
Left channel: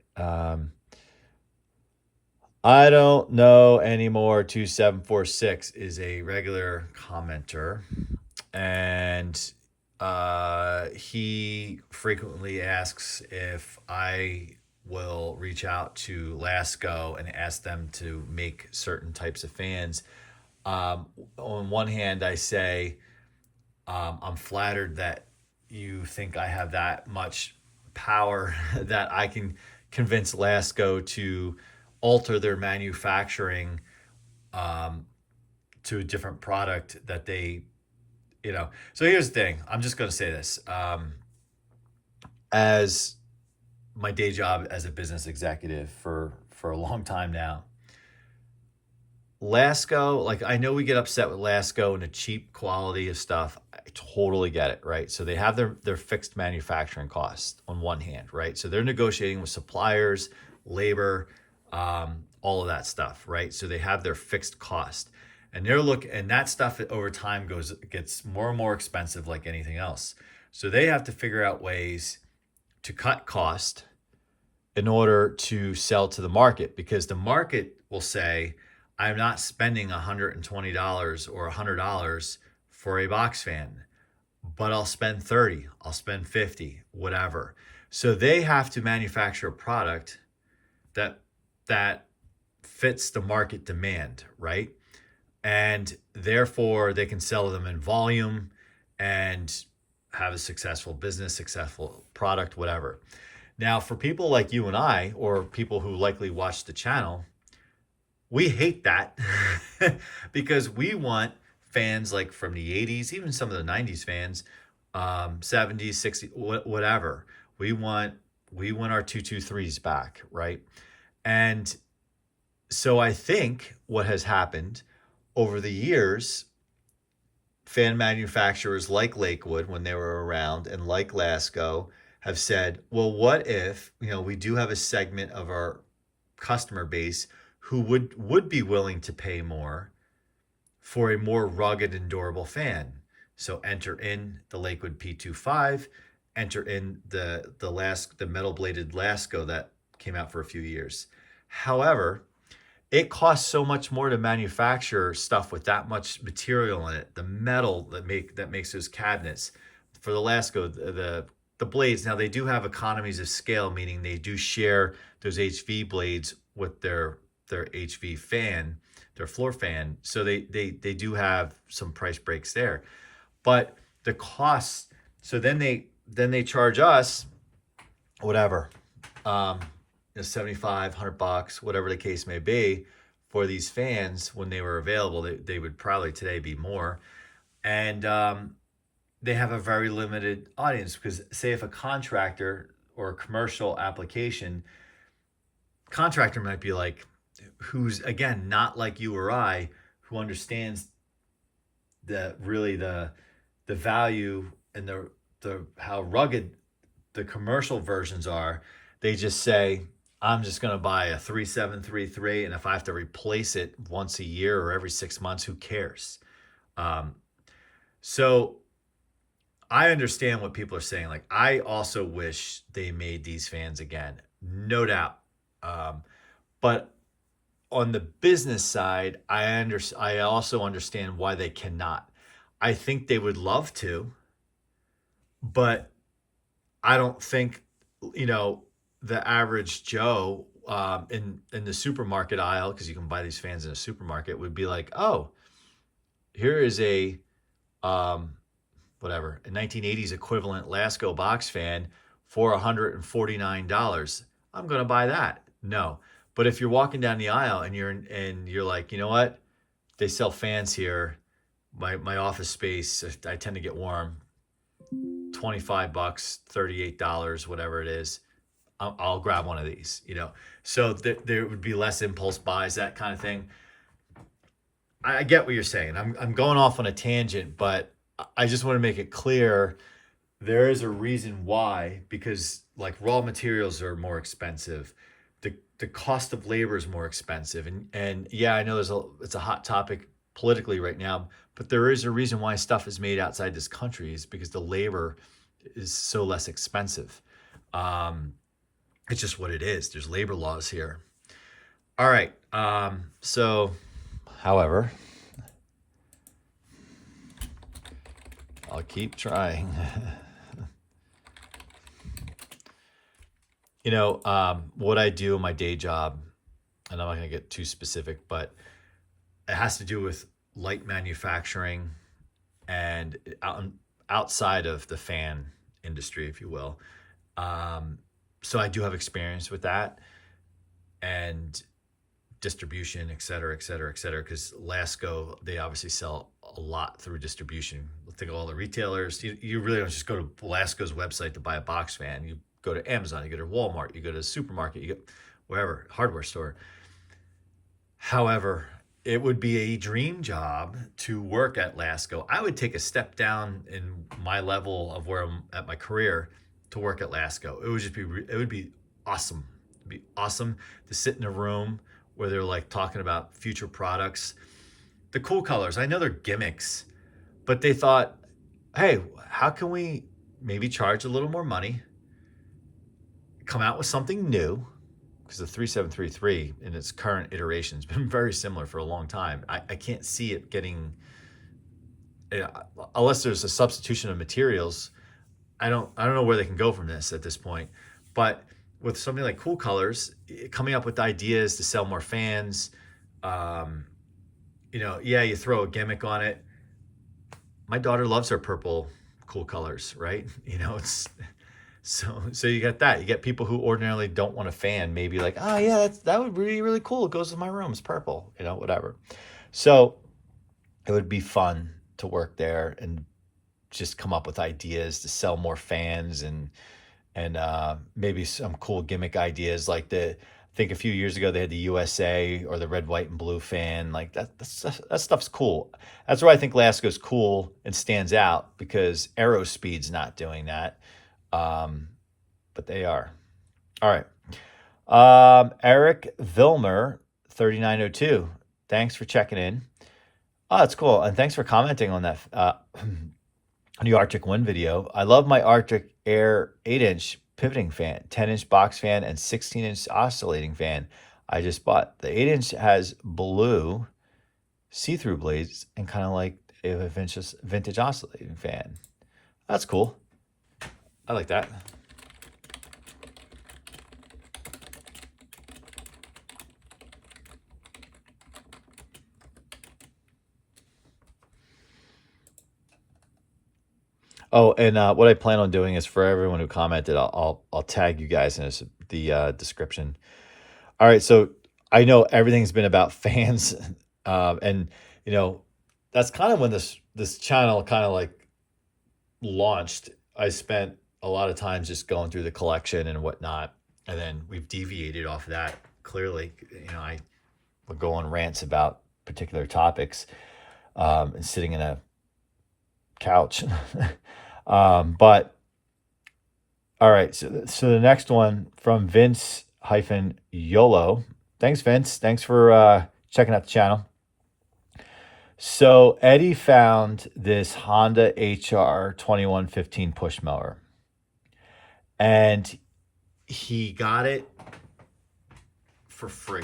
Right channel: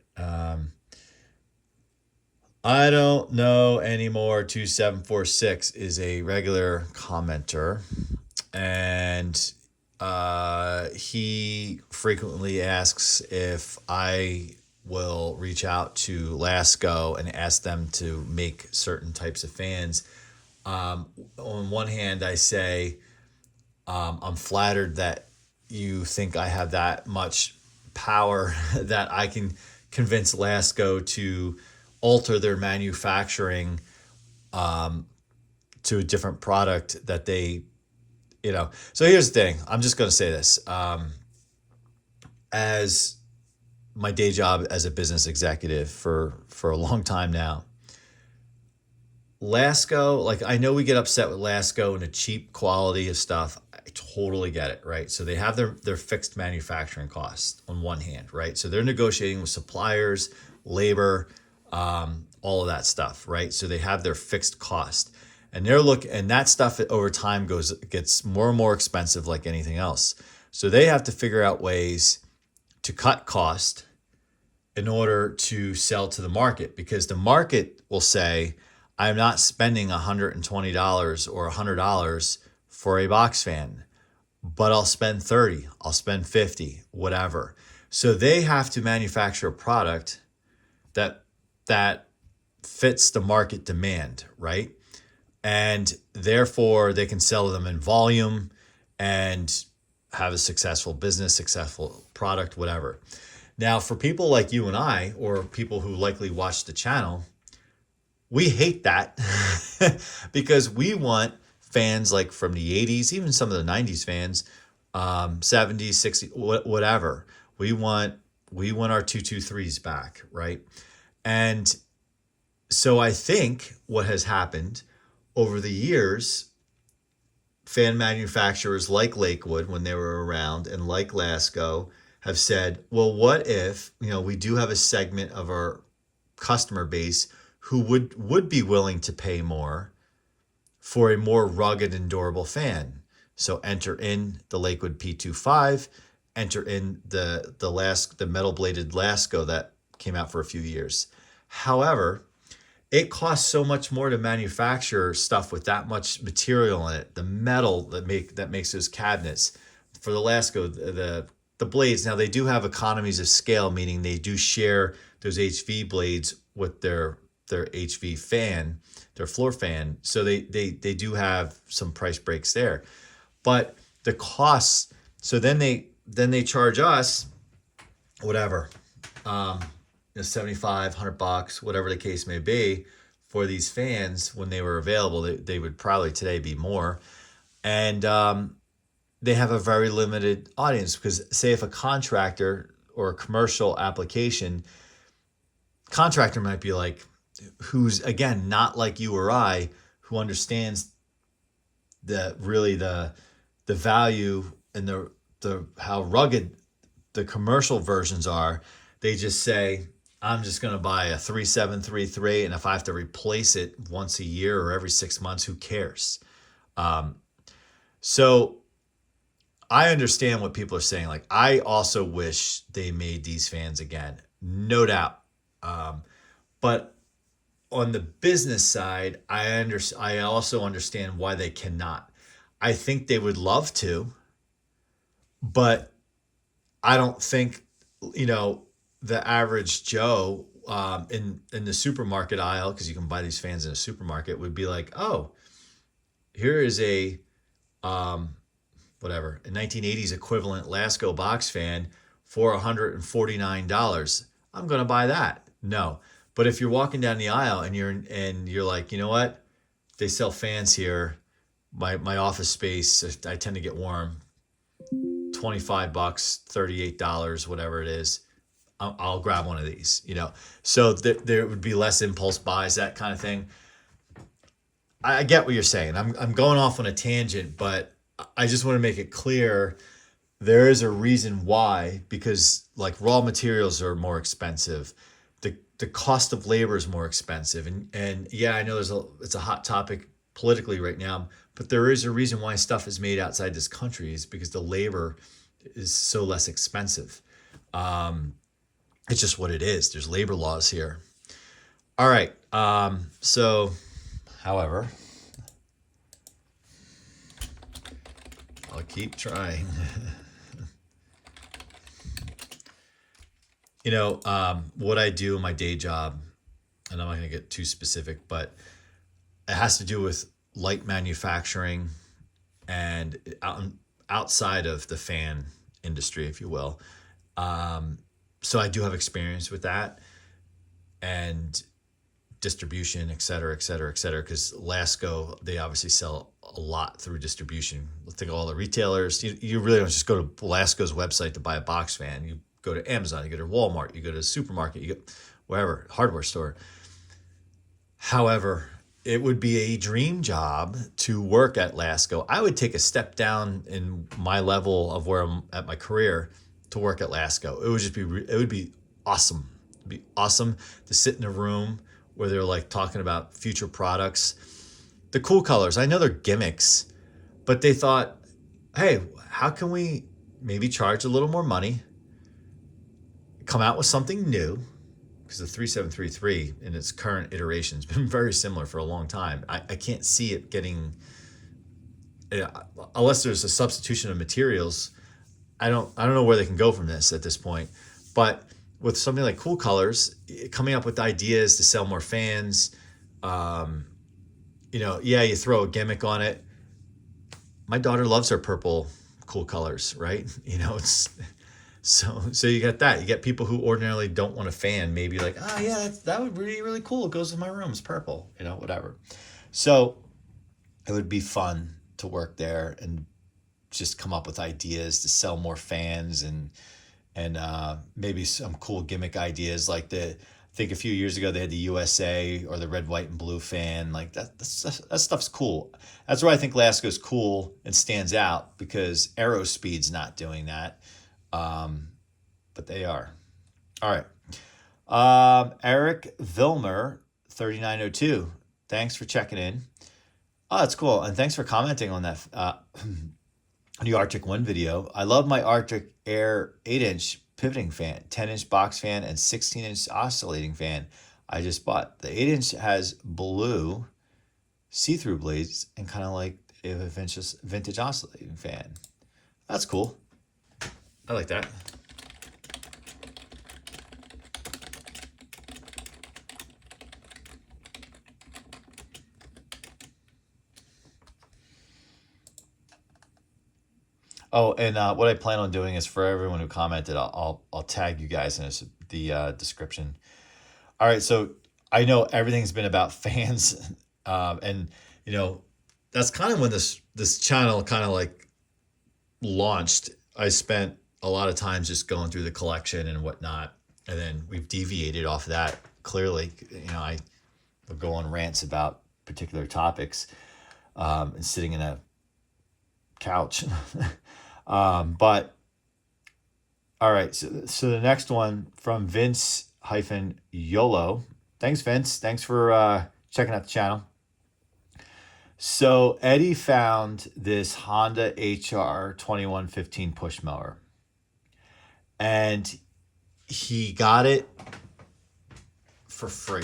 I don't know anymore. 2746 is a regular commenter, and he frequently asks if I will reach out to Lasko and ask them to make certain types of fans. On one hand, I say I'm flattered that you think I have that much power that I can convince Lasko to alter their manufacturing to a different product that they, So here's the thing. I'm just going to say this. As my day job as a business executive for a long time now, Lasko, like, I know we get upset with Lasko and the cheap quality of stuff. I totally get it, right? So they have their fixed manufacturing costs on one hand, right? So they're negotiating with suppliers, labor, all of that stuff, right? So they have their fixed cost, and and that stuff over time gets more and more expensive, like anything else. So they have to figure out ways to cut cost in order to sell to the market, because the market will say, I'm not spending $120 or $100 for a box fan, but I'll spend $30, I'll spend $50, whatever. So they have to manufacture a product that fits the market demand, right? And therefore they can sell them in volume and have a successful business, successful product, whatever. Now, for people like you and I, or people who likely watch the channel, we hate that because we want fans like from the 80s, even some of the 90s fans, 70s, 60s, whatever. We want our 223s back, right? And so I think what has happened over the years, fan manufacturers like Lakewood, when they were around, and like Lasko, have said, well, what if, we do have a segment of our customer base who would be willing to pay more for a more rugged and durable fan. So enter in the Lakewood P25, enter in the metal bladed Lasko that came out for a few years. However, it costs so much more to manufacture stuff with that much material in it. The metal that makes those cabinets for the Lasko, the blades. Now they do have economies of scale, meaning they do share those HV blades with their HV fan, their floor fan. So they do have some price breaks there. But the costs, so then they charge us whatever, $75, $100, whatever the case may be, for these fans. When they were available, they would probably today be more. And they have a very limited audience, because say if a contractor or a commercial application, contractor might be like, who's, again, not like you or I, who understands the value and the how rugged the commercial versions are. They just say, I'm just going to buy a 3733, and if I have to replace it once a year or every 6 months, who cares? So I understand what people are saying. Like, I also wish they made these fans again, no doubt. But on the business side, I also understand why they cannot. I think they would love to, but I don't think, the average Joe in the supermarket aisle, because you can buy these fans in a supermarket, would be like, oh, here is a whatever, a 1980s equivalent Lasko box fan for $149. I'm going to buy that. No. But if you're walking down the aisle and you're like, you know what? They sell fans here. My office space, I tend to get warm. $25, $38, whatever it is. I'll grab one of these, So there would be less impulse buys, that kind of thing. I get what you're saying. I'm going off on a tangent, but I just want to make it clear there is a reason why, because like raw materials are more expensive. the cost of labor is more expensive. And yeah, I know it's a hot topic politically right now, but there is a reason why stuff is made outside this country is because the labor is so less expensive. Um, it's just what it is. There's labor laws here. All right. So, however, I'll keep trying. What I do in my day job, and I'm not going to get too specific, but it has to do with light manufacturing and outside of the fan industry, if you will. So I do have experience with that and distribution, et cetera, et cetera, et cetera. Because Lasko, they obviously sell a lot through distribution. Think of all the retailers. You really don't just go to Lasko's website to buy a box fan. You go to Amazon, you go to Walmart, you go to the supermarket, you go wherever, hardware store. However, it would be a dream job to work at Lasko. I would take a step down in my level of where I'm at my career to work at Lasko. It would be awesome. It'd be awesome to sit in a room where they're like talking about future products. The cool colors, I know they're gimmicks, but they thought, hey, how can we maybe charge a little more money, come out with something new? Because the 3733 in its current iteration has been very similar for a long time. I can't see it getting, unless there's a substitution of materials. I don't know where they can go from this at this point. But with something like Cool Colors, coming up with ideas to sell more fans, you throw a gimmick on it. My daughter loves her purple Cool Colors, right? It's so you get that. You get people who ordinarily don't want a fan, maybe like, oh yeah, that would be really cool. It goes with my room. It's purple, whatever. So it would be fun to work there and just come up with ideas to sell more fans and maybe some cool gimmick ideas like I think a few years ago they had the USA or the red, white, and blue fan. Like that stuff's cool. That's where I think Lasko's cool and stands out because Aerospeed's not doing that. But they are. All right. Eric Vilmer, 3902. Thanks for checking in. Oh, that's cool. And thanks for commenting on that new Arctic Wind video. I love my Arctic Air 8-inch pivoting fan, 10-inch box fan, and 16-inch oscillating fan I just bought. The 8-inch has blue see-through blades and kind of like a vintage oscillating fan. That's cool. I like that. Oh, and what I plan on doing is for everyone who commented, I'll tag you guys in the description. All right, so I know everything's been about fans, and that's kind of when this channel kind of like launched. I spent a lot of time just going through the collection and whatnot, and then we've deviated off that. Clearly, I would go on rants about particular topics, and sitting in a couch. But all right, so the next one from Vince-YOLO. Thanks, Vince. Thanks for checking out the channel. So Eddie found this Honda HR 2115 push mower, and he got it for free.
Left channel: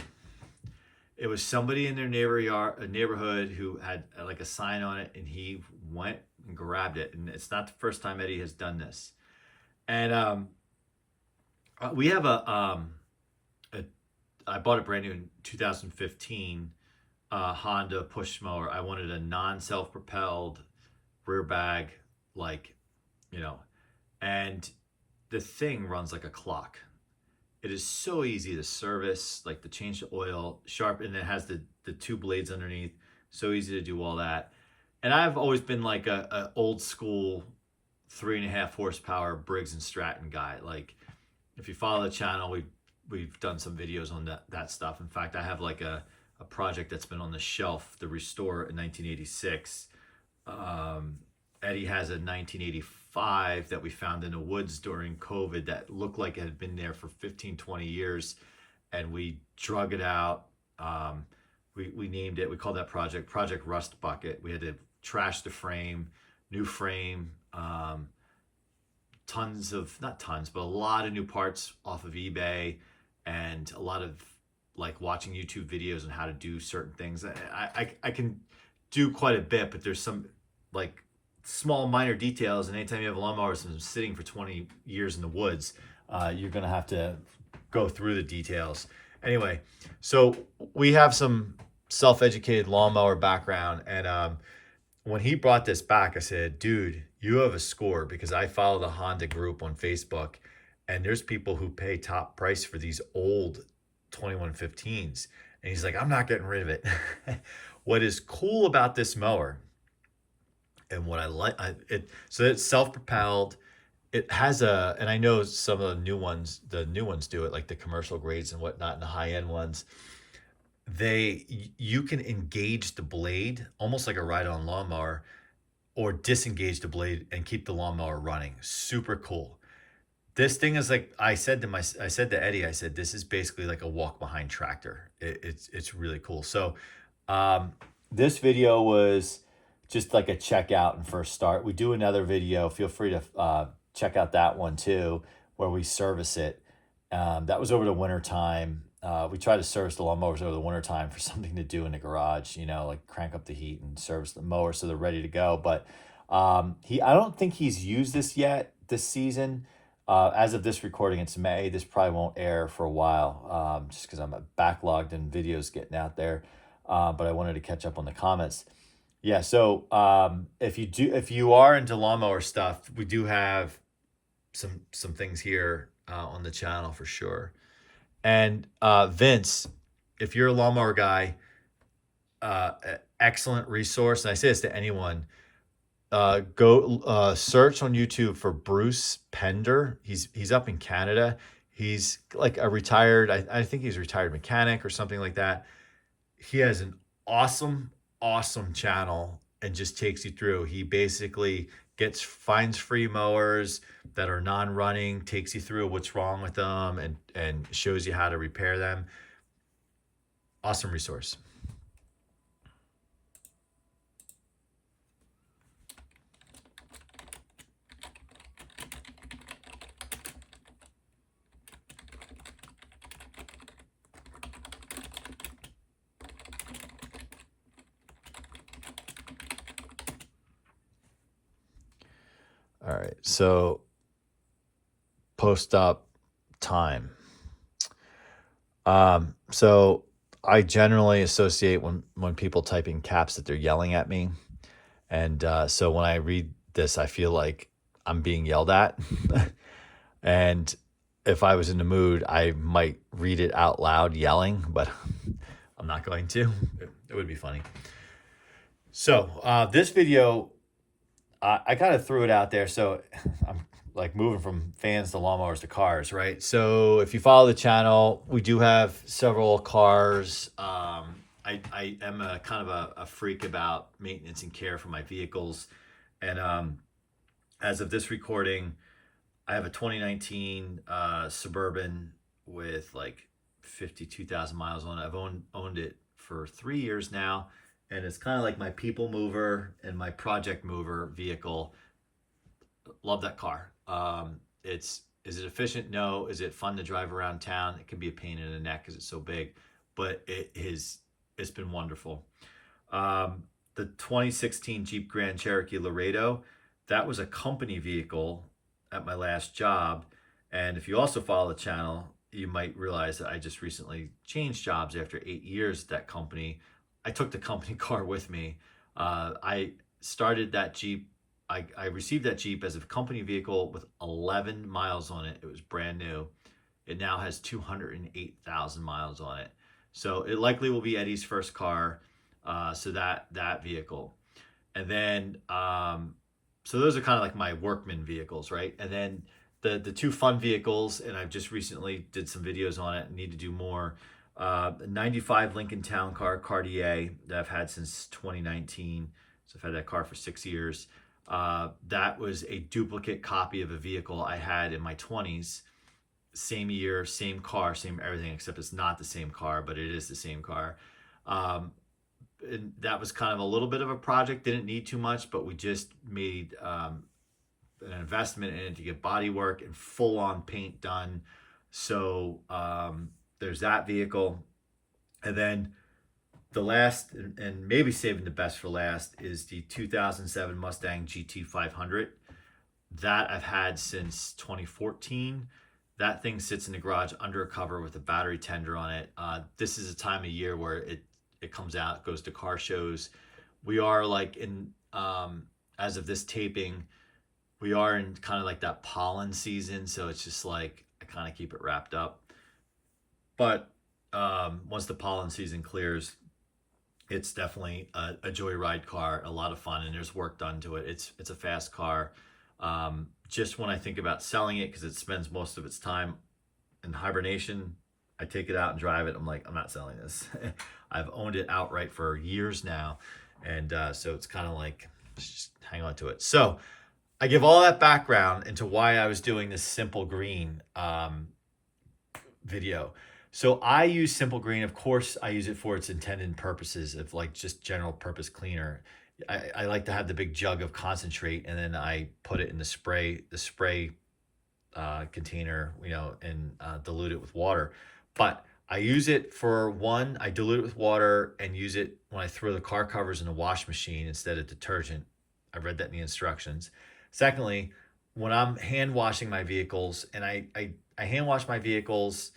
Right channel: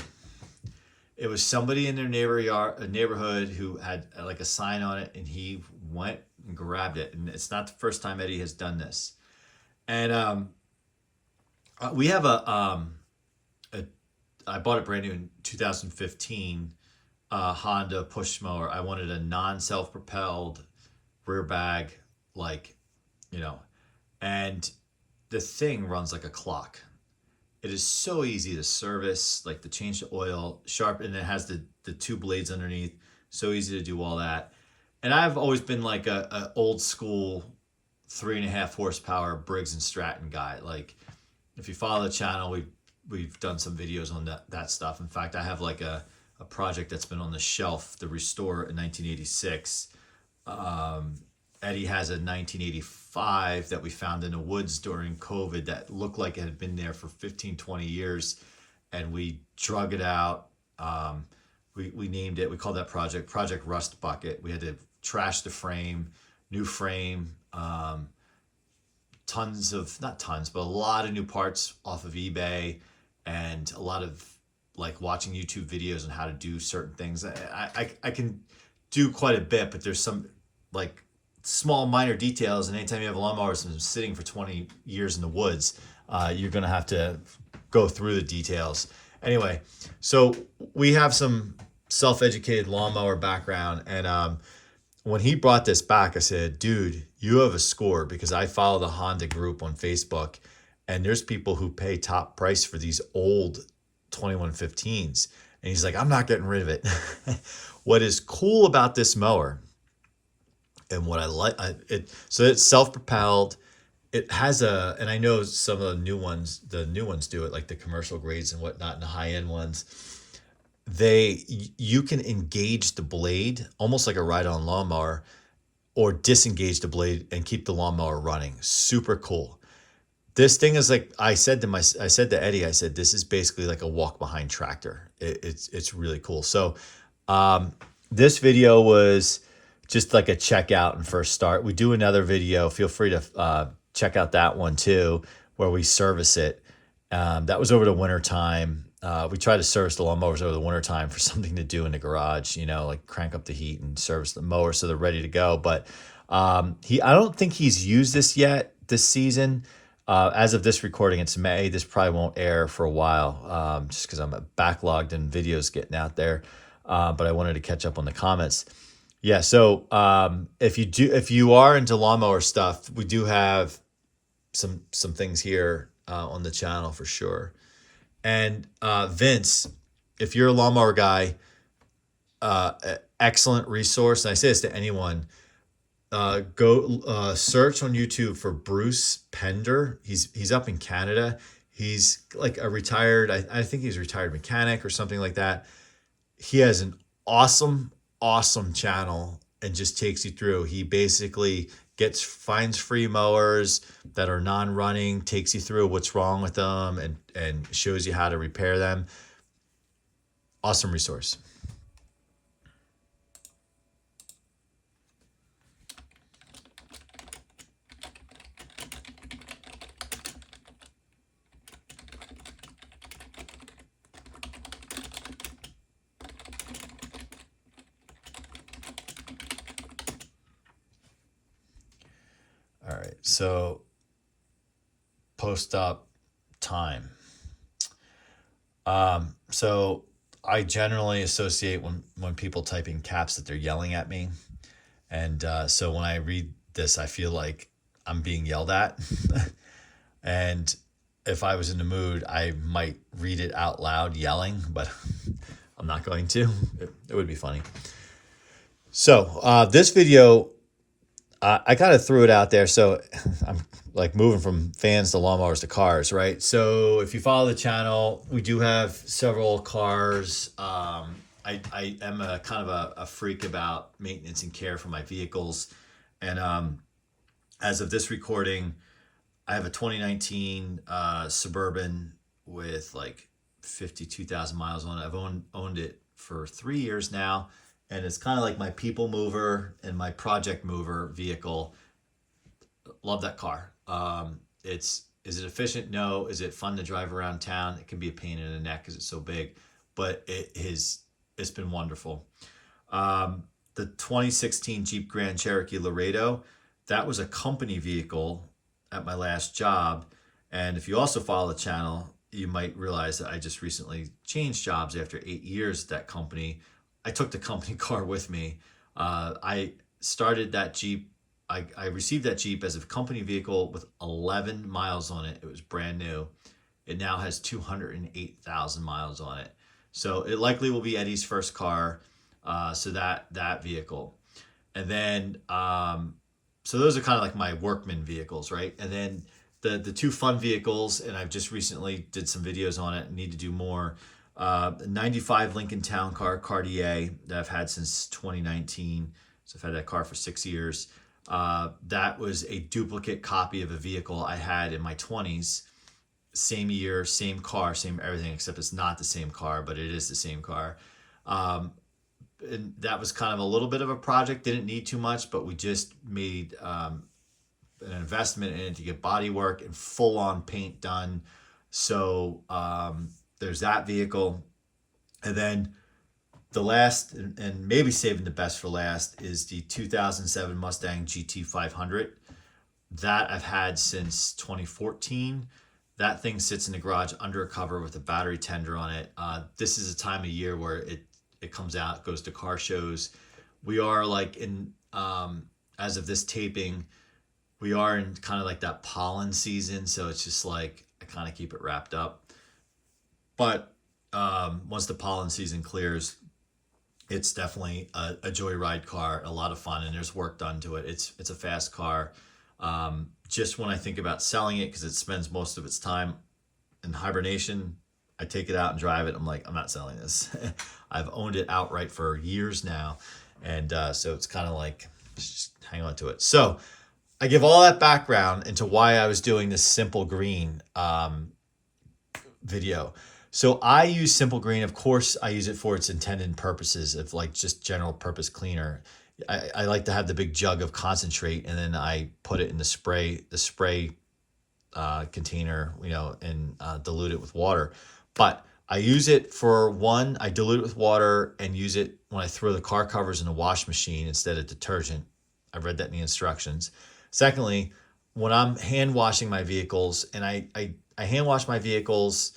It was somebody in their neighborhood who had like a sign on it, and he went and grabbed it. And it's not the first time Eddie has done this. And we have I bought it brand new in 2015, Honda push mower. I wanted a non-self-propelled rear bag, and the thing runs like a clock. It is so easy to service, like to change the oil, sharp, and it has the two blades underneath. So easy to do all that. And I've always been like a old school 3.5 horsepower Briggs and Stratton guy. Like if you follow the channel, we've done some videos on that stuff. In fact, I have like a project that's been on the shelf, the Restore in 1986. Eddie has a 1985 that we found in the woods during COVID that looked like it had been there for 15, 20 years. and we drug it out. We named it, we called that Project Rust Bucket. We had to trash the frame, new frame, tons of, not tons, but a lot of new parts off of eBay, and a lot of like watching YouTube videos on how to do certain things. I can do quite a bit, but there's some like small minor details, and anytime you have a lawnmower that's been sitting for 20 years in the woods, you're gonna have to go through the details. Anyway, so we have some self-educated lawnmower background, and when he brought this back, I said, dude, you have a score, because I follow the Honda group on Facebook, and there's people who pay top price for these old 2115s. And he's like, I'm not getting rid of it. What is cool about this mower, and what I like, so it's self-propelled. It has and I know some of the new ones do it, like the commercial grades and whatnot, and the high-end ones. You can engage the blade almost like a ride-on lawnmower, or disengage the blade and keep the lawnmower running. Super cool. This thing is like, I said to Eddie, I said, this is basically like a walk-behind tractor. It's really cool. So this video was just like a checkout and first start. We do another video. Feel free to check out that one too, where we service it. That was over the winter time. We try to service the lawnmowers over the winter time for something to do in the garage, like crank up the heat and service the mower so they're ready to go. But I don't think he's used this yet this season. As of this recording, it's May. This probably won't air for a while, just because I'm backlogged and videos getting out there. But I wanted to catch up on the comments. Yeah, so if you are into lawnmower stuff, we do have some things here on the channel for sure. And Vince, if you're a lawnmower guy, excellent resource. And I say this to anyone. Go search on YouTube for Bruce Pender. He's up in Canada. He's like a retired, I think he's a retired mechanic or something like that. He has an awesome channel and just takes you through. He basically finds free mowers that are non-running, takes you through what's wrong with them, and shows you how to repair them. Awesome resource. All right, so post-op time. So I generally associate when people type in caps that they're yelling at me. And so when I read this, I feel like I'm being yelled at. And if I was in the mood, I might read it out loud yelling, but I'm not going to. It would be funny. So this video, I kind of threw it out there. So I'm like moving from fans to lawnmowers to cars, right? So if you follow the channel, we do have several cars. I am a kind of a freak about maintenance and care for my vehicles. And as of this recording, I have a 2019 Suburban with like 52,000 miles on it. I've owned it for 3 years now. And it's kind of like my people mover and my project mover vehicle. Love that car. Is it efficient? No. Is it fun to drive around town? It can be a pain in the neck because it's so big, but it's been wonderful. The 2016 Jeep Grand Cherokee Laredo, that was a company vehicle at my last job. And if you also follow the channel, you might realize that I just recently changed jobs after 8 years at that company. I took the company car with me. I started that Jeep. I received that Jeep as a company vehicle with 11 miles on it. It was brand new. It now has 208,000 miles on it. So it likely will be Eddie's first car. So that vehicle. And then, so those are kind of like my workman vehicles, right? And then the two fun vehicles, and I've just recently did some videos on it and need to do more. 95 Lincoln Town Car, Cartier, that I've had since 2019. So I've had that car for 6 years. That was a duplicate copy of a vehicle I had in my 20s. same year, same car, same everything, except it's not the same car, but it is the same car. Um, and that was kind of a little bit of a project. Didn't need too much, but we just made an investment in it to get body work and full on paint done. So there's that vehicle. And then the last, and maybe saving the best for last, is the 2007 Mustang GT 500. That I've had since 2014. That thing sits in the garage under a cover with a battery tender on it. This is a time of year where it comes out, goes to car shows. We are like in, as of this taping, we are in kind of like that pollen season. So it's just like, I kind of keep it wrapped up. But once the pollen season clears, it's definitely a joyride car, a lot of fun, and there's work done to it. It's a fast car. Just when I think about selling it, because it spends most of its time in hibernation, I take it out and drive it. I'm like, I'm not selling this. I've owned it outright for years now. And so it's kind of like, just hang on to it. So I give all that background into why I was doing this Simple Green video. So I use Simple Green. Of course, I use it for its intended purposes of like just general purpose cleaner. I like to have the big jug of concentrate, and then I put it in the spray container, and dilute it with water. But I use it for one, I dilute it with water and use it when I throw the car covers in a wash machine instead of detergent. I've read that in the instructions. Secondly, when I'm hand washing my vehicles, and I hand wash my vehicles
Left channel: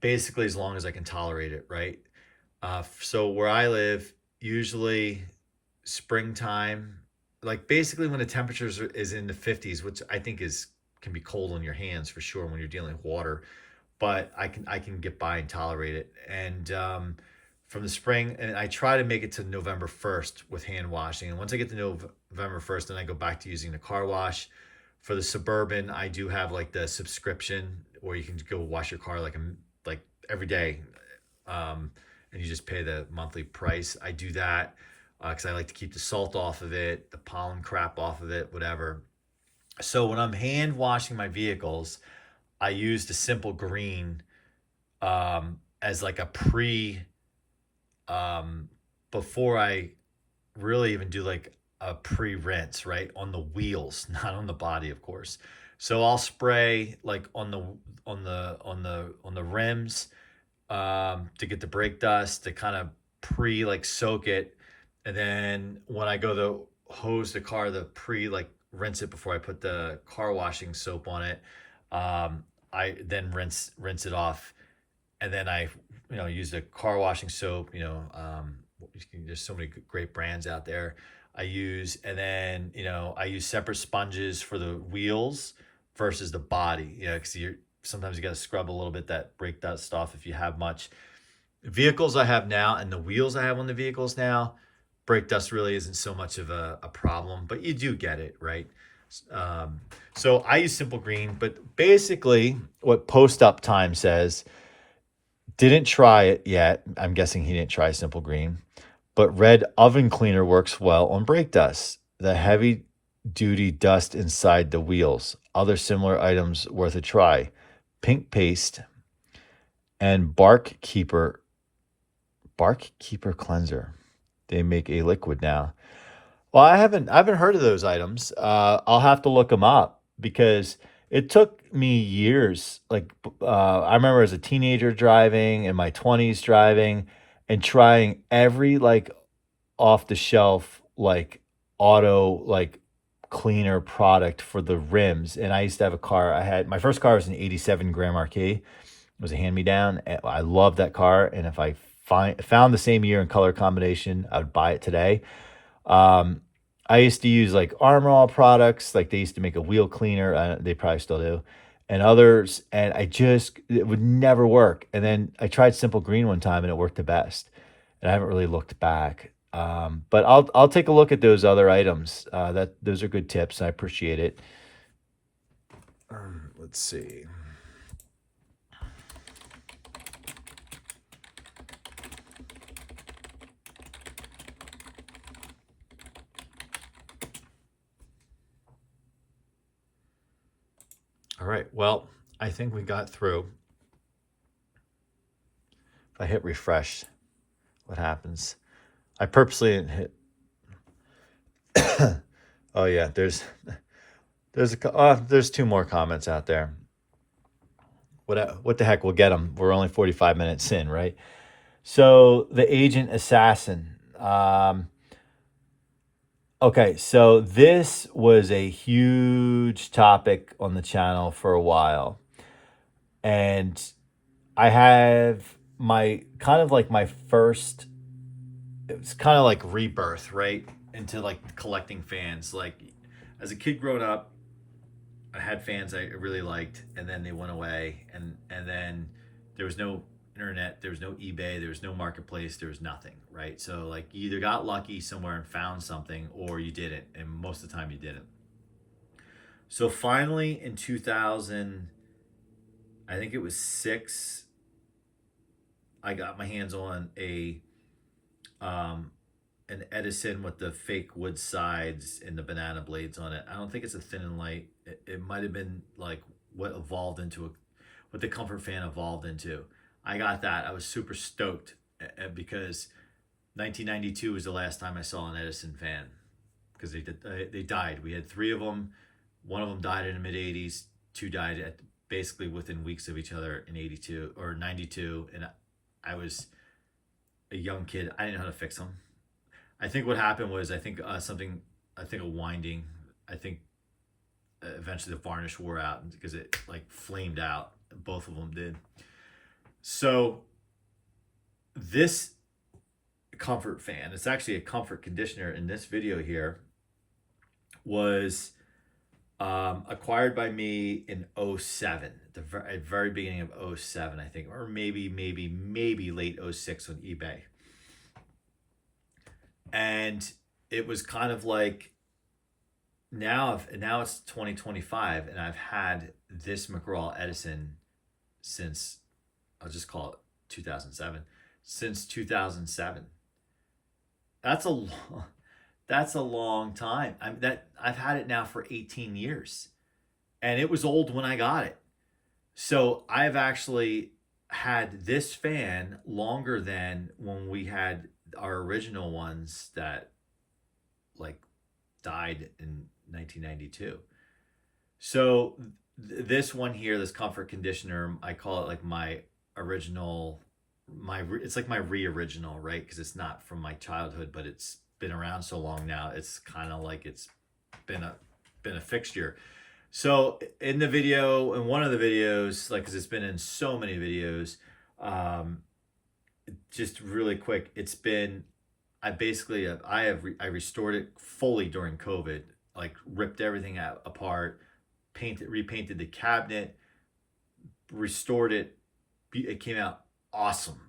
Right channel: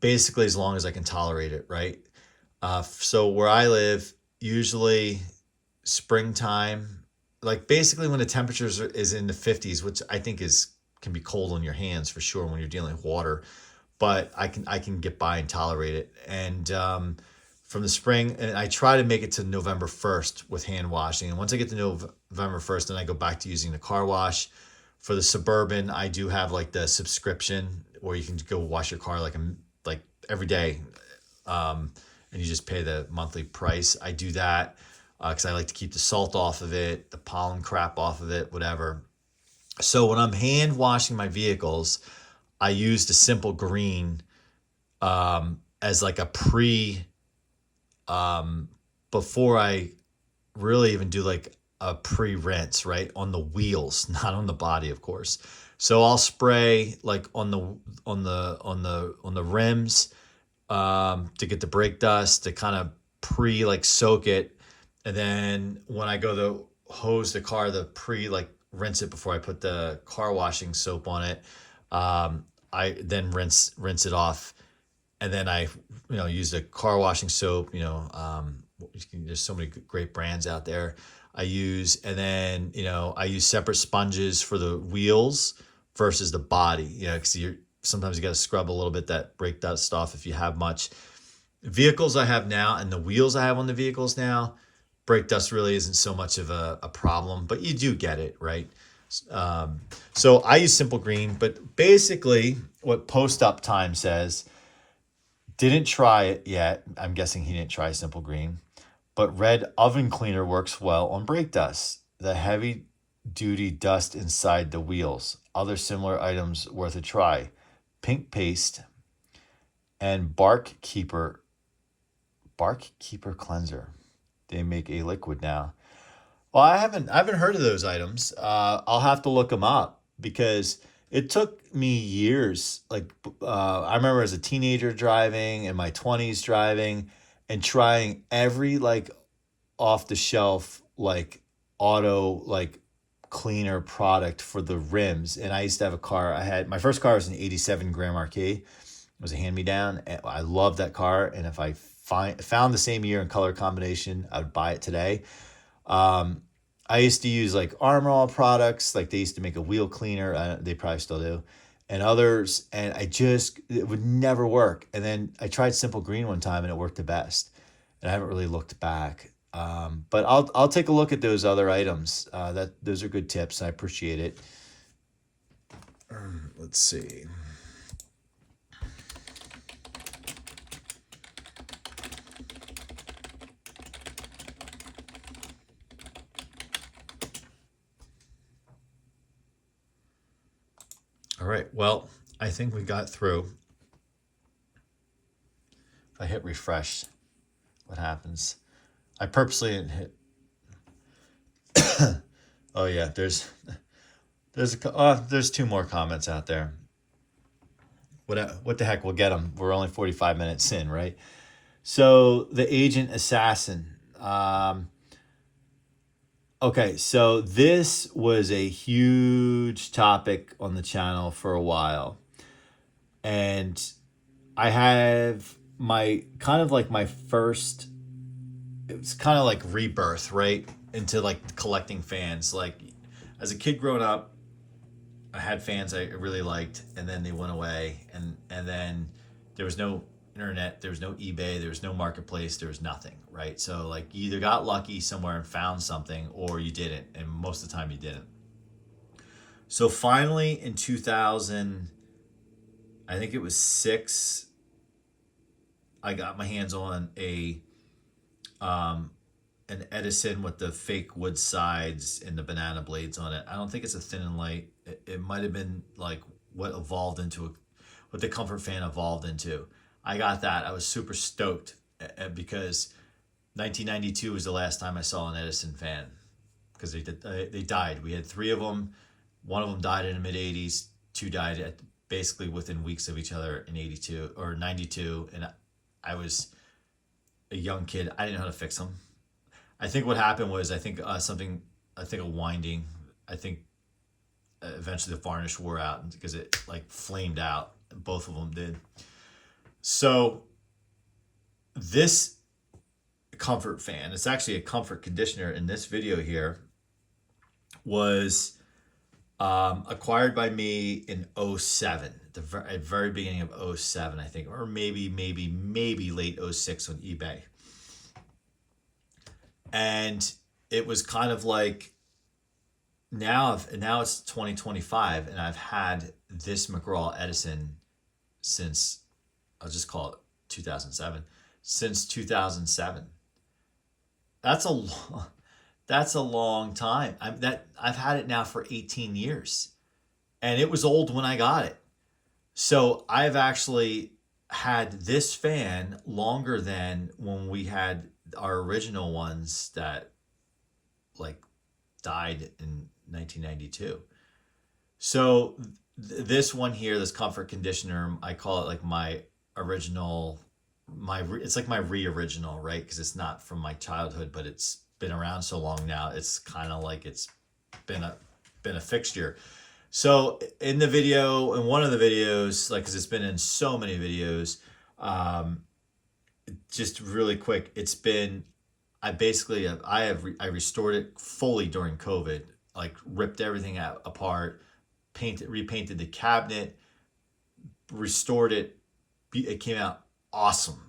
basically as long as I can tolerate it, right? So where I live, usually springtime, like basically when the temperatures is in the 50s, which I think can be cold on your hands for sure when you're dealing with water, but I can get by and tolerate it. And from the spring, and I try to make it to November 1st with hand washing. And once I get to November 1st, then I go back to using the car wash. For the Suburban, I do have like the subscription where you can go wash your car like every day, and you just pay the monthly price. I do that because I like to keep the salt off of it, the pollen crap off of it, whatever. So when I'm hand washing my vehicles, I use the Simple Green as like a before I really even do like a pre-rinse, right? On the wheels, not on the body, of course. So I'll spray like on the rims to get the brake dust, to kind of soak it. And then when I go to hose the car, rinse it before I put the car washing soap on it. I then rinse it off, and then I use the car washing soap. There's so many great brands out there. I use separate sponges for the wheels versus the body. Because sometimes you got to scrub a little bit that brake dust off if you have much. Vehicles I have now and the wheels I have on the vehicles now, brake dust really isn't so much of a problem, but you do get it, right? So I use Simple Green, but basically what Post Up Time says, didn't try it yet. I'm guessing he didn't try Simple Green, but Red Oven Cleaner works well on brake dust, the heavy duty dust inside the wheels. Other similar items worth a try: Pink Paste and Bark Keeper Cleanser. They make a liquid now. Well, I haven't heard of those items. I'll have to look them up because it took me years. I remember as a teenager driving, in my 20s driving, and trying every off the shelf auto cleaner product for the rims. And I used to have a car. My first car was an '87 Grand Marquis. It was a hand-me-down. I love that car, and if I found the same year and color combination, I would buy it today. I used to use Armor All products. They used to make a wheel cleaner. They probably still do, and others. And it would never work. And then I tried Simple Green one time, and it worked the best. And I haven't really looked back. But I'll take a look at those other items. Those are good tips. I appreciate it. Let's see. All right. Well, I think we got through. If I hit refresh, what happens? I purposely didn't hit. Oh yeah, there's two more comments out there. What the heck? We'll get them. We're only 45 minutes in, right? So the agent assassin. Okay, so this was a huge topic on the channel for a while. And I have my kind of like my first, it was kind of like rebirth, right? Into like collecting fans. Like as a kid growing up, I had fans I really liked, and then they went away, and then there was no internet, there was no eBay, there was no marketplace, there was nothing, right? So like you either got lucky somewhere and found something, or you didn't, and most of the time you didn't. So finally in 2000, I think it was 6, I got my hands on an Edison with the fake wood sides and the banana blades on it. I don't think it's a thin and light. It might have been like what the comfort fan evolved into. I got that. I was super stoked because 1992 was the last time I saw an Edison fan, because they died. We had 3 of them. One of them died in the mid 80s. 2 died basically within weeks of each other in 82 or 92, and I was a young kid. I didn't know how to fix them. I think what happened was, I think a winding. I think eventually the varnish wore out because it like flamed out. Both of them did. So this comfort fan, it's actually a comfort conditioner in this video here, was acquired by me in 07, at very beginning of 07, I think, or maybe late 06 on eBay. And it was kind of like, now it's 2025, and I've had this McGraw Edison since, I'll just call it 2007, since 2007. That's a long time. I've had it now for 18 years, and it was old when I got it. So I've actually had this fan longer than when we had our original ones that like died in 1992. So this one here, this comfort conditioner, I call it like my original, it's like my re-original, right? Because it's not from my childhood, but it's been around so long now, it's kind of like it's been a fixture. So in the video, in one of the videos, like, because it's been in so many videos, just really quick, it's been, I restored it fully during COVID, like ripped everything apart, repainted the cabinet, restored it. It came out awesome.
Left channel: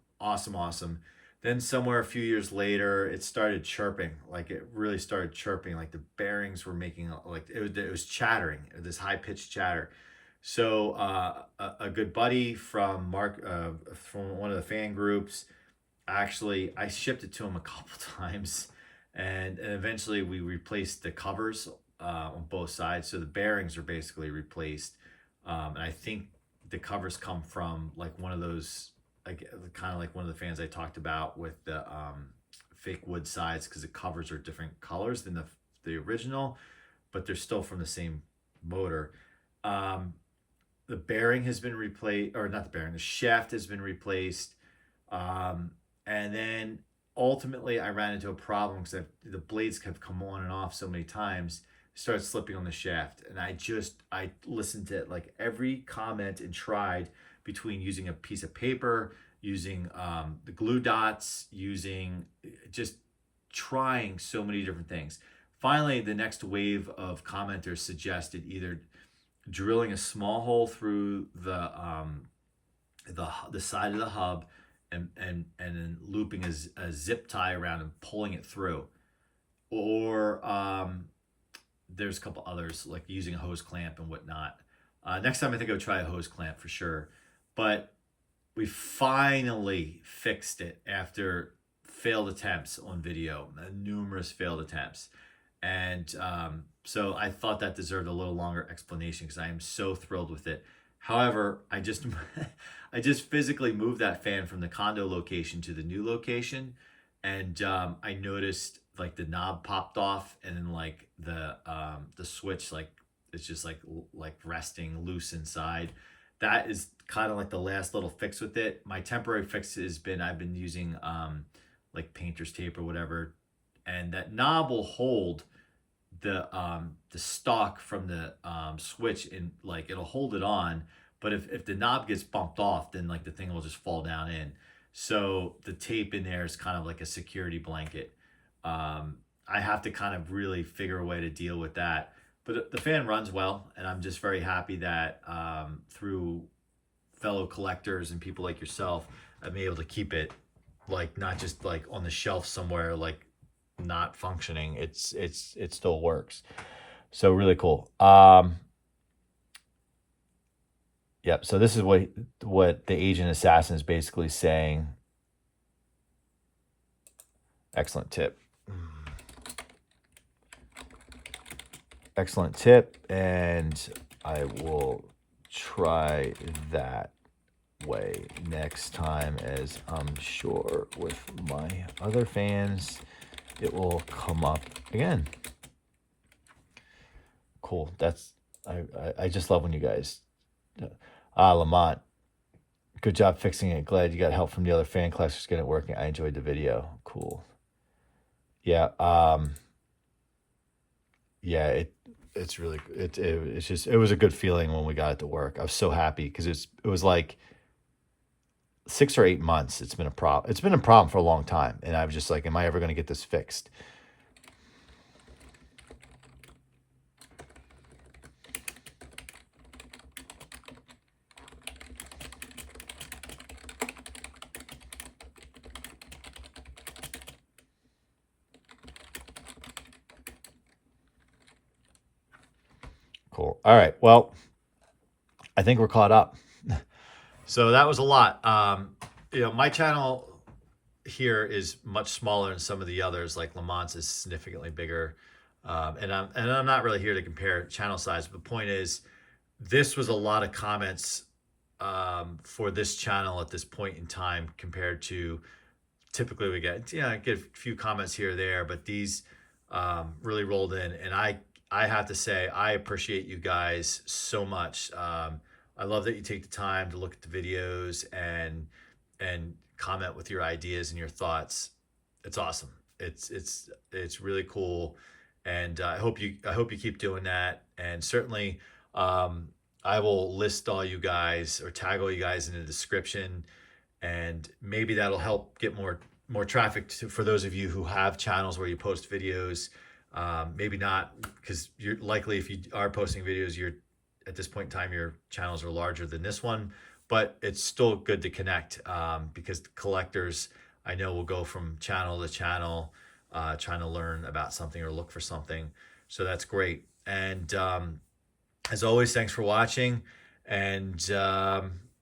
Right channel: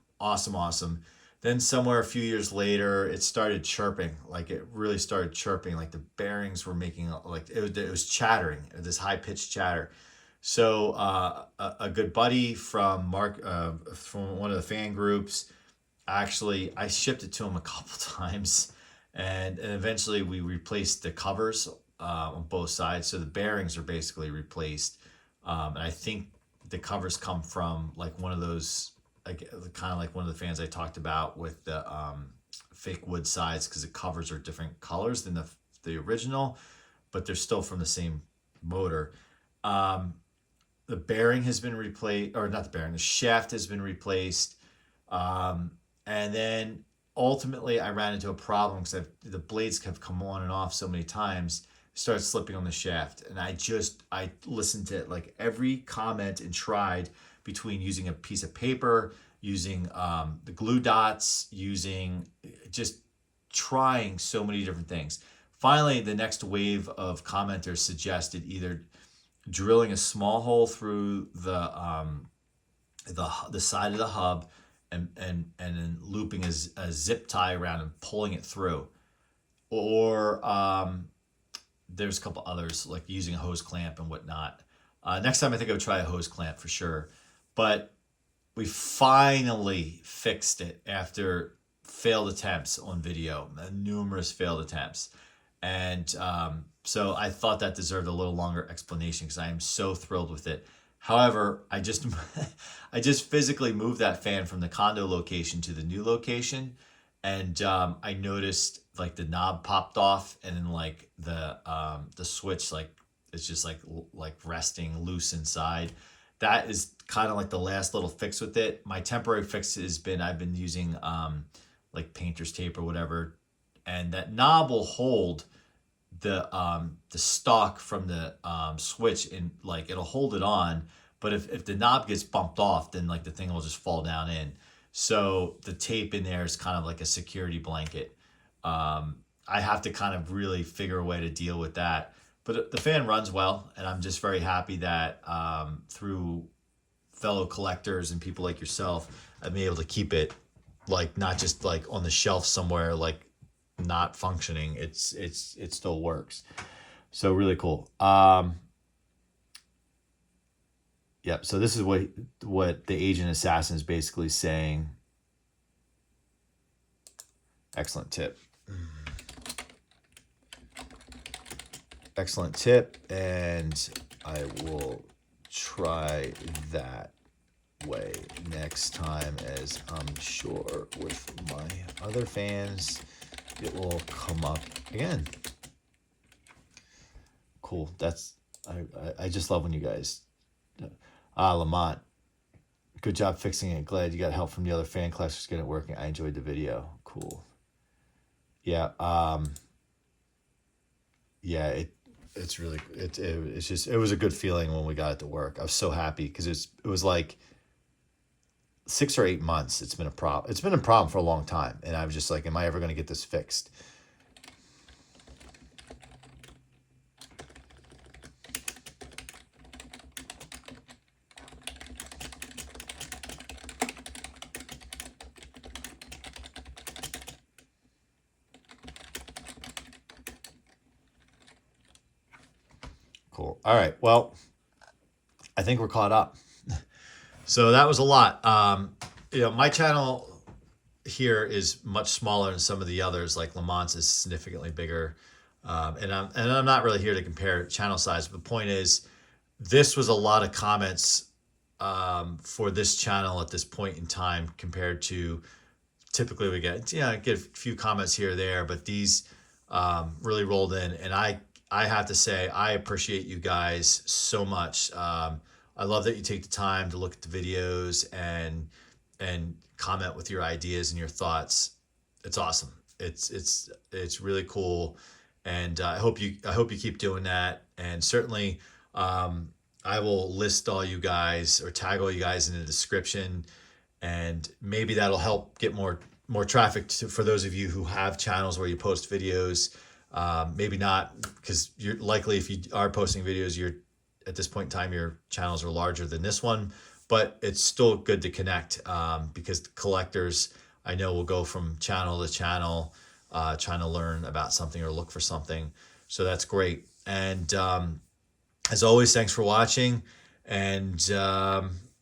Then somewhere a few years later, it started chirping. Like it really started chirping. Like the bearings were making, like it was chattering, this high pitched chatter. So a good buddy from Mark, from one of the fan groups, actually, I shipped it to him a couple times, and eventually we replaced the covers on both sides. So the bearings are basically replaced, and I think the covers come from like one of those, like kind of like one of the fans I talked about with the fake wood sides, because the covers are different colors than the original, but they're still from the same motor. The bearing has been replaced, or not the bearing, the shaft has been replaced. And then ultimately I ran into a problem because the blades have come on and off so many times, started slipping on the shaft. And I listened to like every comment and tried, between using a piece of paper, using the glue dots, just trying so many different things. Finally, the next wave of commenters suggested either drilling a small hole through the side of the hub and then looping a zip tie around and pulling it through, or there's a couple others like using a hose clamp and whatnot. Next time I think I would try a hose clamp for sure. But we finally fixed it after failed attempts on video, numerous failed attempts. And so I thought that deserved a little longer explanation, because I am so thrilled with it. However, I just I just physically moved that fan from the condo location to the new location, and I noticed like the knob popped off, and then like the switch like it's just like resting loose inside. That is kind of like the last little fix with it. My temporary fix has been I've been using like painter's tape or whatever, and that knob will hold the stock from the switch, and like it'll hold it on. But if the knob gets bumped off, then like the thing will just fall down in. So the tape in there is kind of like a security blanket. I have to kind of really figure a way to deal with that. But the fan runs well, and I'm just very happy that through fellow collectors and people like yourself, I've been able to keep it like not just like on the shelf somewhere like not functioning. It still works. So really cool. Yep. So this is what the agent assassin is basically saying. Excellent tip. Excellent tip, and I will try that way next time, as I'm sure with my other fans it will come up again. Cool. That's I just love when you guys Lamont, good job fixing it. Glad you got help from the other fan collectors get it working. I enjoyed the video. Cool. Yeah. Yeah, it's really it's just it was a good feeling when we got it to work. I was so happy because it was like 6 or 8 months. It's been a problem. It's been a problem for a long time, and I was just like, am I ever going to get this fixed? Cool. All right. Well, I think we're caught up. So that was a lot. My channel here is much smaller than some of the others. Like Lamont's is significantly bigger, and I'm not really here to compare channel size. But the point is, this was a lot of comments for this channel at this point in time compared to typically we get a few comments here or there, but these really rolled in, and I have to say I appreciate you guys so much. I love that you take the time to look at the videos and comment with your ideas and your thoughts. It's awesome. It's really cool, and I hope you keep doing that. And certainly, I will list all you guys or tag all you guys in the description, and maybe that'll help get more traffic for those of you who have channels where you post videos. Maybe not, because you're likely, if you are posting videos, you're at this point in time your channels are larger than this one, but it's still good to connect, because the collectors I know will go from channel to channel trying to learn about something or look for something. So that's great. And as always, thanks for watching, and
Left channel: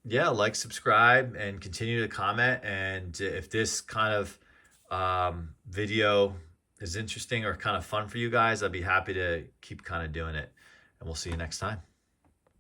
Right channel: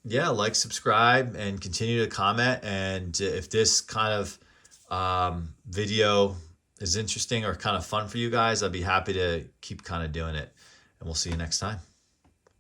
yeah, like, subscribe, and continue to comment. And if this kind of video is interesting or kind of fun for you guys, I'd be happy to keep kind of doing it, and we'll see you next time.